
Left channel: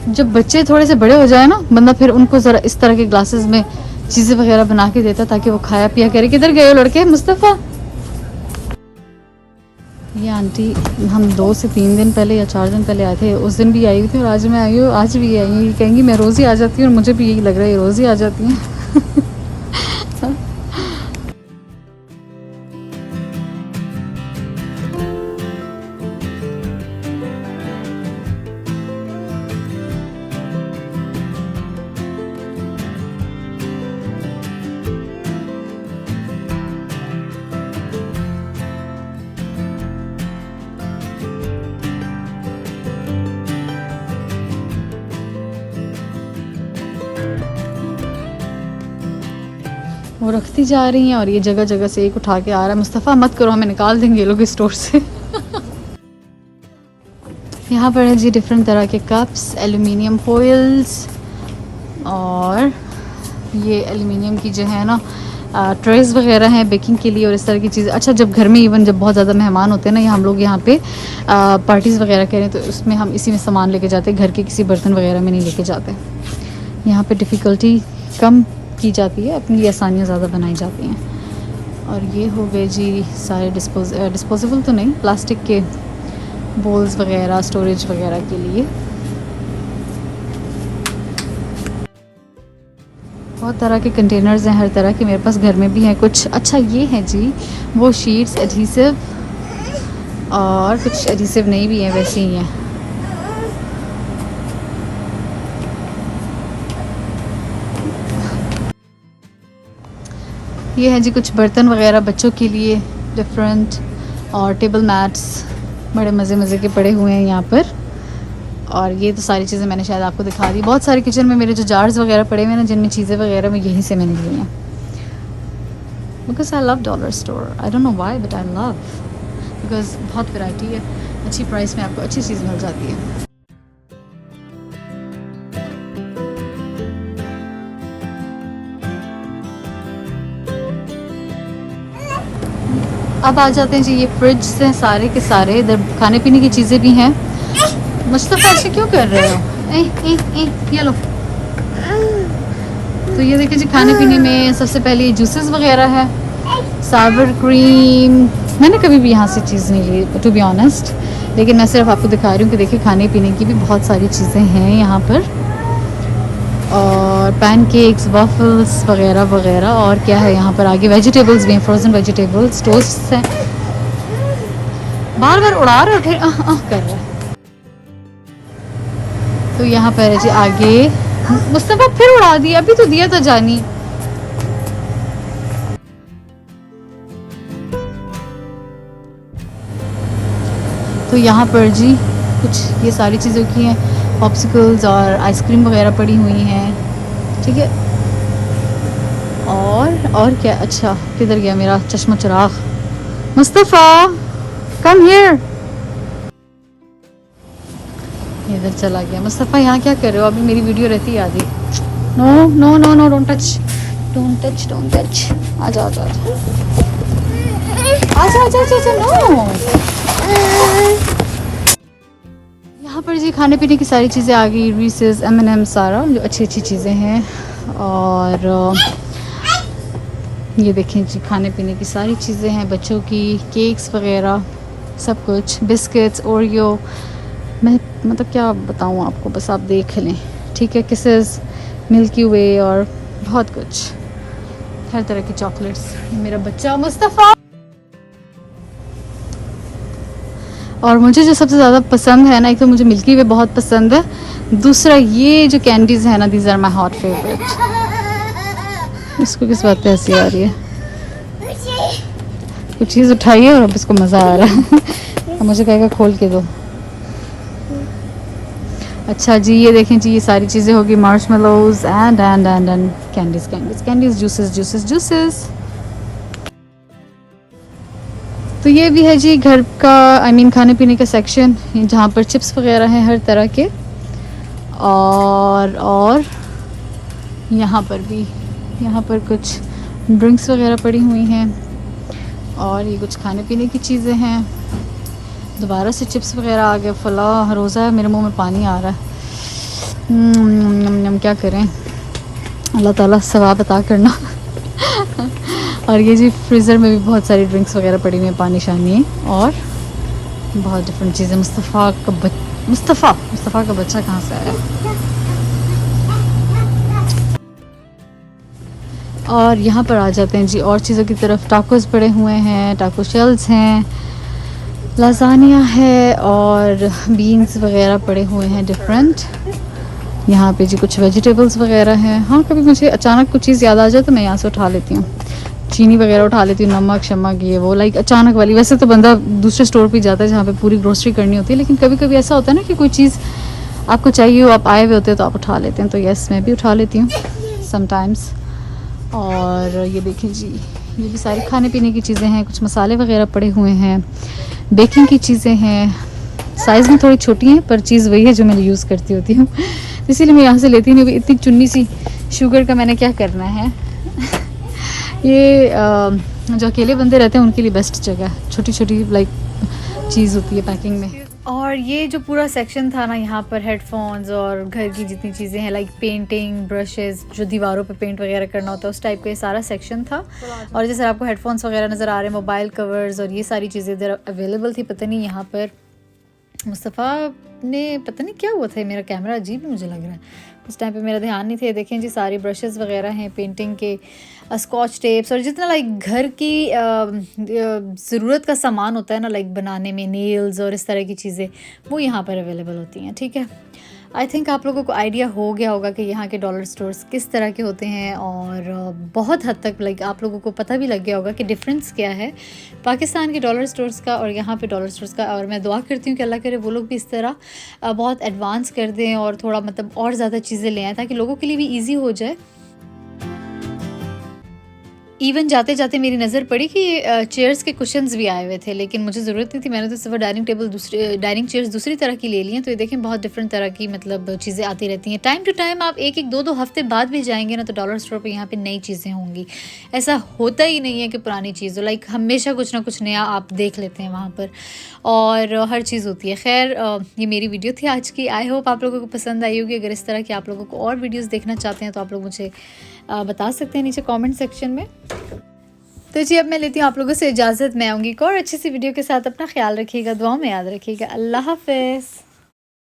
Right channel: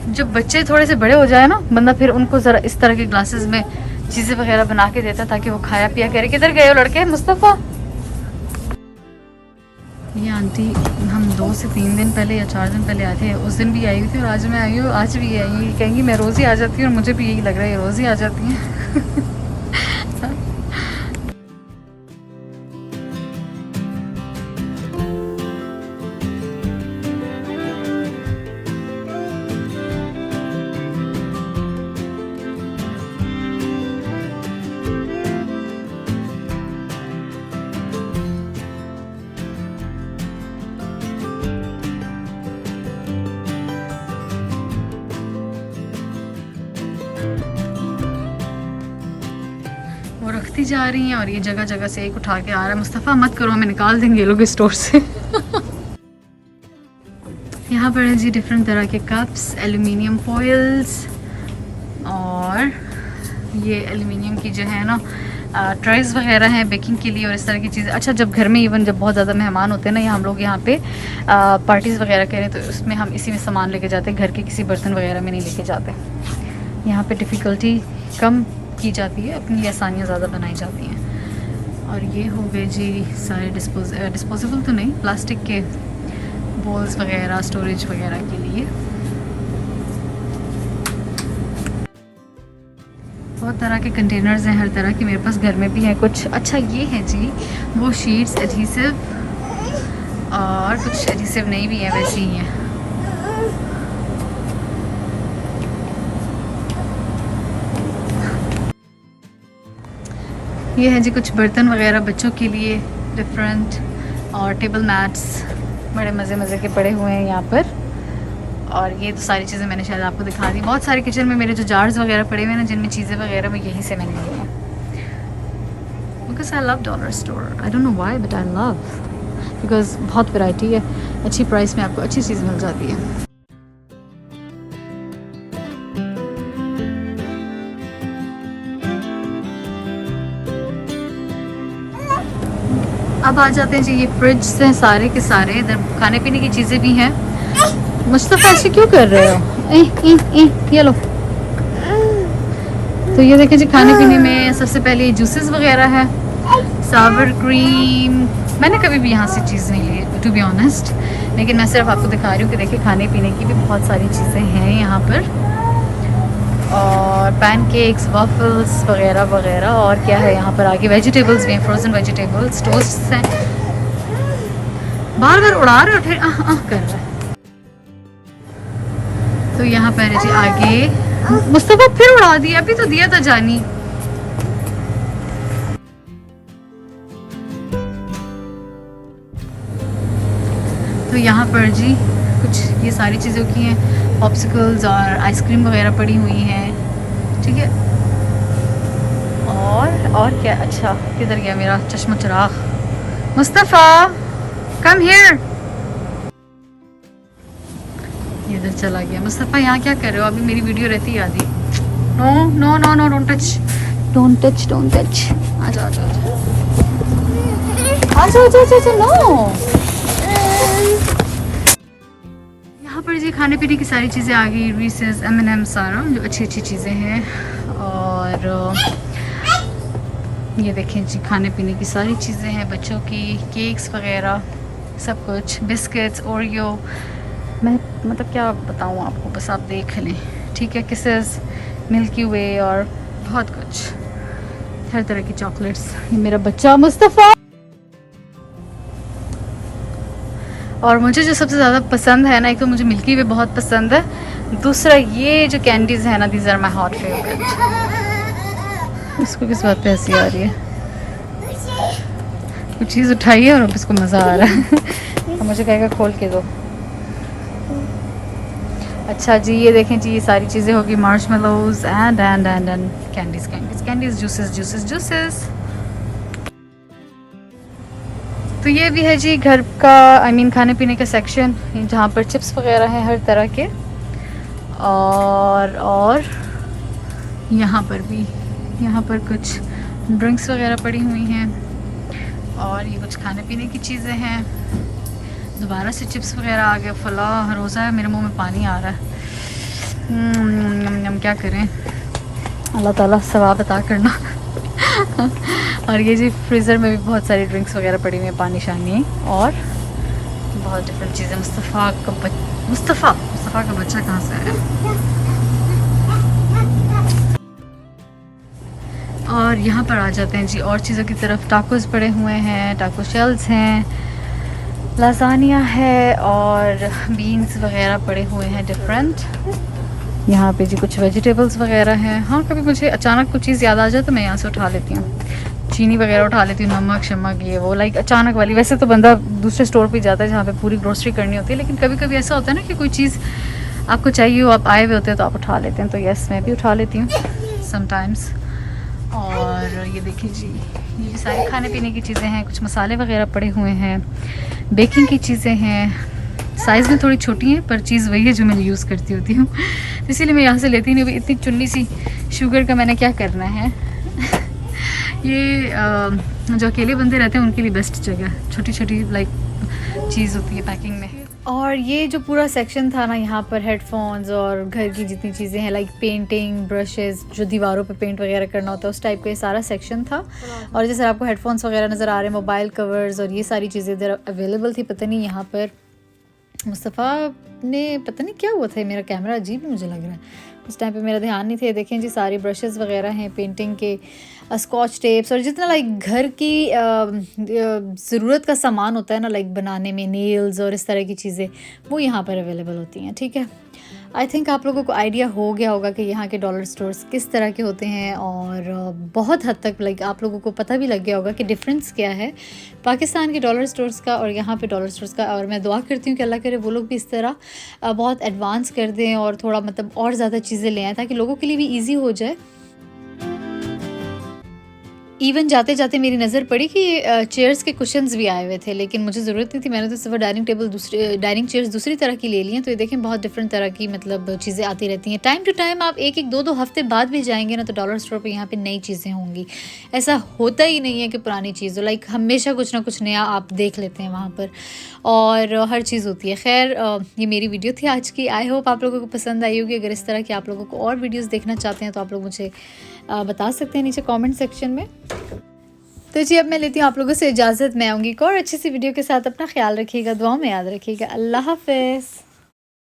जब बच्चे थोड़े से बड़े हो जाए ना, बंदा फिर उनको ज़रा इस तरह के ग्लासेस में चीज़ें वगैरह बना के देता, ताकि वो खाया पिया करे। किधर गए हो लड़के? मुस्तफ़ा, ये आंटी हम 2 से 3 दिन पहले या 4 दिन पहले आए थे, उस दिन भी आई हुई थी और आज मैं आई हूँ, आज भी आई हूँ। कहेंगी मैं रोज़ ही आ जाती हूँ, और मुझे भी यही लग रहा है रोज़ ही आ जाती हैं। रखती जा रही हैं और ये जगह जगह से एक उठा के आ रहा है। मुस्तफ़ा मत करो, हमें निकाल देंगे ये लोग इस स्टोर से। यहाँ पर है जी डिफरेंट तरह के कप्स, एल्युमिनियम फॉइल्स, और ये एल्युमिनियम की जो है ना ट्रेस वगैरह हैं बेकिंग के लिए और इस तरह की चीज़ें। अच्छा, जब घर में इवन जब बहुत ज़्यादा मेहमान होते हैं ना, या हम लोग यहाँ पे पार्टीज़ वगैरह करें तो उसमें हम इसी में सामान लेके जाते हैं, घर के किसी बर्तन वगैरह में नहीं लेके जाते। यहाँ पे डिफ़िकल्टी कम की जाती है, अपने लिए आसानियाँ ज़्यादा बनाई जाती हैं। और ये हो गए जी सारे डिस्पोजेबल तो नहीं, प्लास्टिक के बोल्स वगैरह स्टोरेज वगैरह के लिए। बहुत तरह के कंटेनर्स हैं, हर तरह के मेरे पास घर में भी हैं कुछ। अच्छा, ये है जी वो शीट्स एडहेसिव, और कुछ एडहेसिव नहीं भी हैं, वैसे ही हैं। ये है जी कुछ बर्तन वगैरह बच्चों के लिए डिफरेंट, और टेबल मैट्स बड़े मज़े मज़े के पड़े हुए हैं यहाँ पर। और ये तो सारी चीज़ें मैंने शायद आपको दिखा दी। बहुत सारे किचन में मेरे जो जार्स वगैरह पड़े हुए हैं ना, जिनमें चीज़ें वगैरह मैं यहीं से मैंने ली हैं, because I love dollar store. I don't know why but I love, because बहुत वैरायटी है, अच्छी प्राइस में आपको अच्छी चीज़ मिल जाती है। अब आ जाते हैं जी, ये फ्रिज से सारे के सारे, इधर खाने पीने की चीज़ें भी हैं। मुस्तफ़ा ऐसे क्यों कर रहे हो? ये लो। तो ये देखिए जी, खाने पीने में सबसे पहले जूसेस वगैरह है, सावर क्रीम। मैंने कभी भी यहाँ से चीज़ नहीं ली टू बी ऑनेस्ट, लेकिन मैं सिर्फ आपको दिखा रही हूँ कि देखिए खाने पीने की भी बहुत सारी चीज़ें हैं यहाँ पर, और पैनकेक्स, वफ़ल्स वगैरह वगैरह। और क्या है यहाँ पर आगे, वेजिटेबल्स भी हैं, फ्रोज़न वेजिटेबल्स, टोस्ट हैं। बार बार उड़ा रहे उठे कर रहे हैं। तो यहाँ पर है जी आगे, मुस्तफ़ा फिर उड़ा दिया, अभी तो दिया था जानी। तो यहाँ पर जी कुछ ये सारी चीज़ों की हैं, पॉप्सिकल्स और आइसक्रीम वगैरह पड़ी हुई हैं, ठीक है। और क्या, अच्छा किधर गया मेरा चश्मा चिराग? मुस्तफ़ा कम हियर, इधर चला गया। मुस्तफ़ा यहाँ क्या कर रहे हो? अभी मेरी वीडियो रहती है आधी। No no no no, don't touch, don't touch, don't touch. आ जाओ आ जाओ आ जाओ आ जाओ। यहाँ पर जी खाने पीने की सारी चीज़ें आ गई, रीसेस, M&M, सारा जो अच्छी अच्छी चीज़ें हैं। और ये देखें जी खाने पीने की सारी चीज़ें हैं, बच्चों की केक्स वगैरह सब कुछ, बिस्किट्स, ओरियो। मैं मतलब क्या बताऊँ आपको, बस आप देख लें, ठीक है। किसेस, मिल्की वे और बहुत कुछ, हर तरह की चॉकलेट्स। ये मेरा बच्चा मुस्तफ़ा। और मुझे जो सबसे ज़्यादा पसंद है ना, एक तो मुझे मिल्की वे बहुत पसंद है, दूसरा ये जो कैंडीज़ है ना, these are my hot favourite. इसको किस बात पे हंसी आ रही है? कुछ चीज़ उठाई है और अब इसको मज़ा आ रहा है। मुझे कहेगा खोल के दो। अच्छा जी, ये देखें जी, ये सारी चीज़ें होगी, marshmallows and candies candies candies, juices juices juices. तो ये भी है जी घर का, आई मीन खाने पीने का सेक्शन, जहाँ पर चिप्स वगैरह हैं हर तरह के। और यहाँ पर भी, यहाँ पर कुछ ड्रिंक्स वगैरह पड़ी हुई हैं, और ये कुछ खाने पीने की चीज़ें हैं। दोबारा से चिप्स वगैरह आ गए, फलाह रोज़ा है, मेरे मुंह में पानी आ रहा है। हम क्या करें, अल्लाह ताला सवाब अता करना। और ये जी फ्रीज़र में भी बहुत सारी ड्रिंक्स वगैरह पड़ी हुई हैं, पानी शानी और बहुत डिफरेंट चीज़ें। मुस्तफ़ा का बच्चा कहाँ से आया? और यहाँ पर आ जाते हैं जी और चीज़ों की तरफ। टाकोस पड़े हुए हैं, टाको शेल्स हैं, लाजानिया है, और बीन्स वगैरह पड़े हुए हैं डिफरेंट। यहाँ पे जी कुछ वेजिटेबल्स वगैरह हैं। हाँ, कभी मुझे अचानक कुछ चीज़ याद आ जाए तो मैं यहाँ से उठा लेती हूँ, चीनी वगैरह उठा लेती हूँ, नमक शमक ये वो, लाइक अचानक वाली। वैसे तो बंदा दूसरे स्टोर पे जाता है जहाँ पे पूरी ग्रोसरी करनी होती है, लेकिन कभी कभी ऐसा होता है ना कि कोई चीज़ आपको चाहिए हो, आप आए हुए होते हैं तो आप उठा लेते हैं। तो यस, मैं भी उठा लेती हूँ समटाइम्स। और ये देखिए जी, ये भी सारी खाने पीने की चीज़ें हैं, कुछ मसाले वगैरह पड़े हुए हैं, बेकिंग की चीज़ें हैं। साइज़ में थोड़ी छोटी हैं पर चीज़ वही है जो मैं यूज़ करती होती हूँ इसीलिए मैं यहाँ से लेती नहीं। अभी इतनी चुन्नी सी शुगर का मैंने क्या करना है ये जो अकेले बंदे रहते हैं उनके लिए बेस्ट जगह, छोटी छोटी लाइक चीज़ होती है पैकिंग में। और ये जो पूरा सेक्शन था ना, यहाँ पर हेडफोन्स और घर की जितनी चीज़ें हैं लाइक पेंटिंग ब्रशेज़, जो दीवारों पे पेंट वगैरह करना होता है उस टाइप का ये सारा सेक्शन था। और जैसे आपको हेडफोन्स वगैरह नज़र आ रहे हैं, मोबाइल कवर्स और ये सारी चीज़ें इधर अवेलेबल थी। पता नहीं यहाँ पर मुस्तफ़ा ने पता नहीं क्या हुआ था, मेरा कैमरा अजीब ही मुझे लग रहा है, उस टाइम पे मेरा ध्यान नहीं थे। देखें जी सारी ब्रशेज़ वगैरह हैं, पेंटिंग के स्कॉच टेप्स और जितना लाइक घर की ज़रूरत का सामान होता है ना, लाइक बनाने में नेल्स और इस तरह की चीज़ें, वो यहाँ पर अवेलेबल होती हैं। ठीक है, आई थिंक आप लोगों को आइडिया हो गया होगा कि यहाँ के डॉलर स्टोर्स किस तरह के होते हैं और बहुत हद तक लाइक आप लोगों को पता भी लग गया होगा कि डिफरेंस क्या है पाकिस्तान के डॉलर स्टोर्स का और यहाँ पे डॉलर स्टोर्स का। और मैं दुआ करती हूँ कि अल्लाह करे वो लोग भी इस तरह बहुत एडवांस कर दें और थोड़ा मतलब और ज़्यादा चीज़ें ले आएँ ताकि लोगों के लिए भी ईजी हो जाए। इवन जाते जाते मेरी नज़र पड़ी कि चेयर्स के कुशन्स भी आए हुए थे, लेकिन मुझे ज़रूरत नहीं थी, मैंने तो सिर्फ डाइनिंग चेयर्स दूसरी तरह की ले ली हैं। तो ये देखें बहुत डिफरेंट तरह की मतलब चीज़ें आती रहती हैं टाइम टू टाइम। आप एक एक दो हफ्ते बाद भी जाएंगे ना तो डॉलर स्टोर पे यहाँ पे नई चीज़ें होंगी। ऐसा होता ही नहीं है कि पुरानी चीज़ हो, लाइक हमेशा कुछ ना कुछ नया आप देख लेते हैं वहाँ पर और हर चीज़ होती है। खैर ये मेरी वीडियो थी आज की, आई होप आप लोगों को पसंद आई होगी। अगर इस तरह की आप लोगों को और वीडियोज़ देखना चाहते हैं तो आप लोग मुझे बता सकते हैं नीचे कमेंट सेक्शन में। तो जी अब मैं लेती हूँ आप लोगों से इजाज़त, मैं आऊँगी एक और अच्छी सी वीडियो के साथ। अपना ख्याल रखिएगा, दुआ में याद रखिएगा। अल्लाह हाफ़िज़।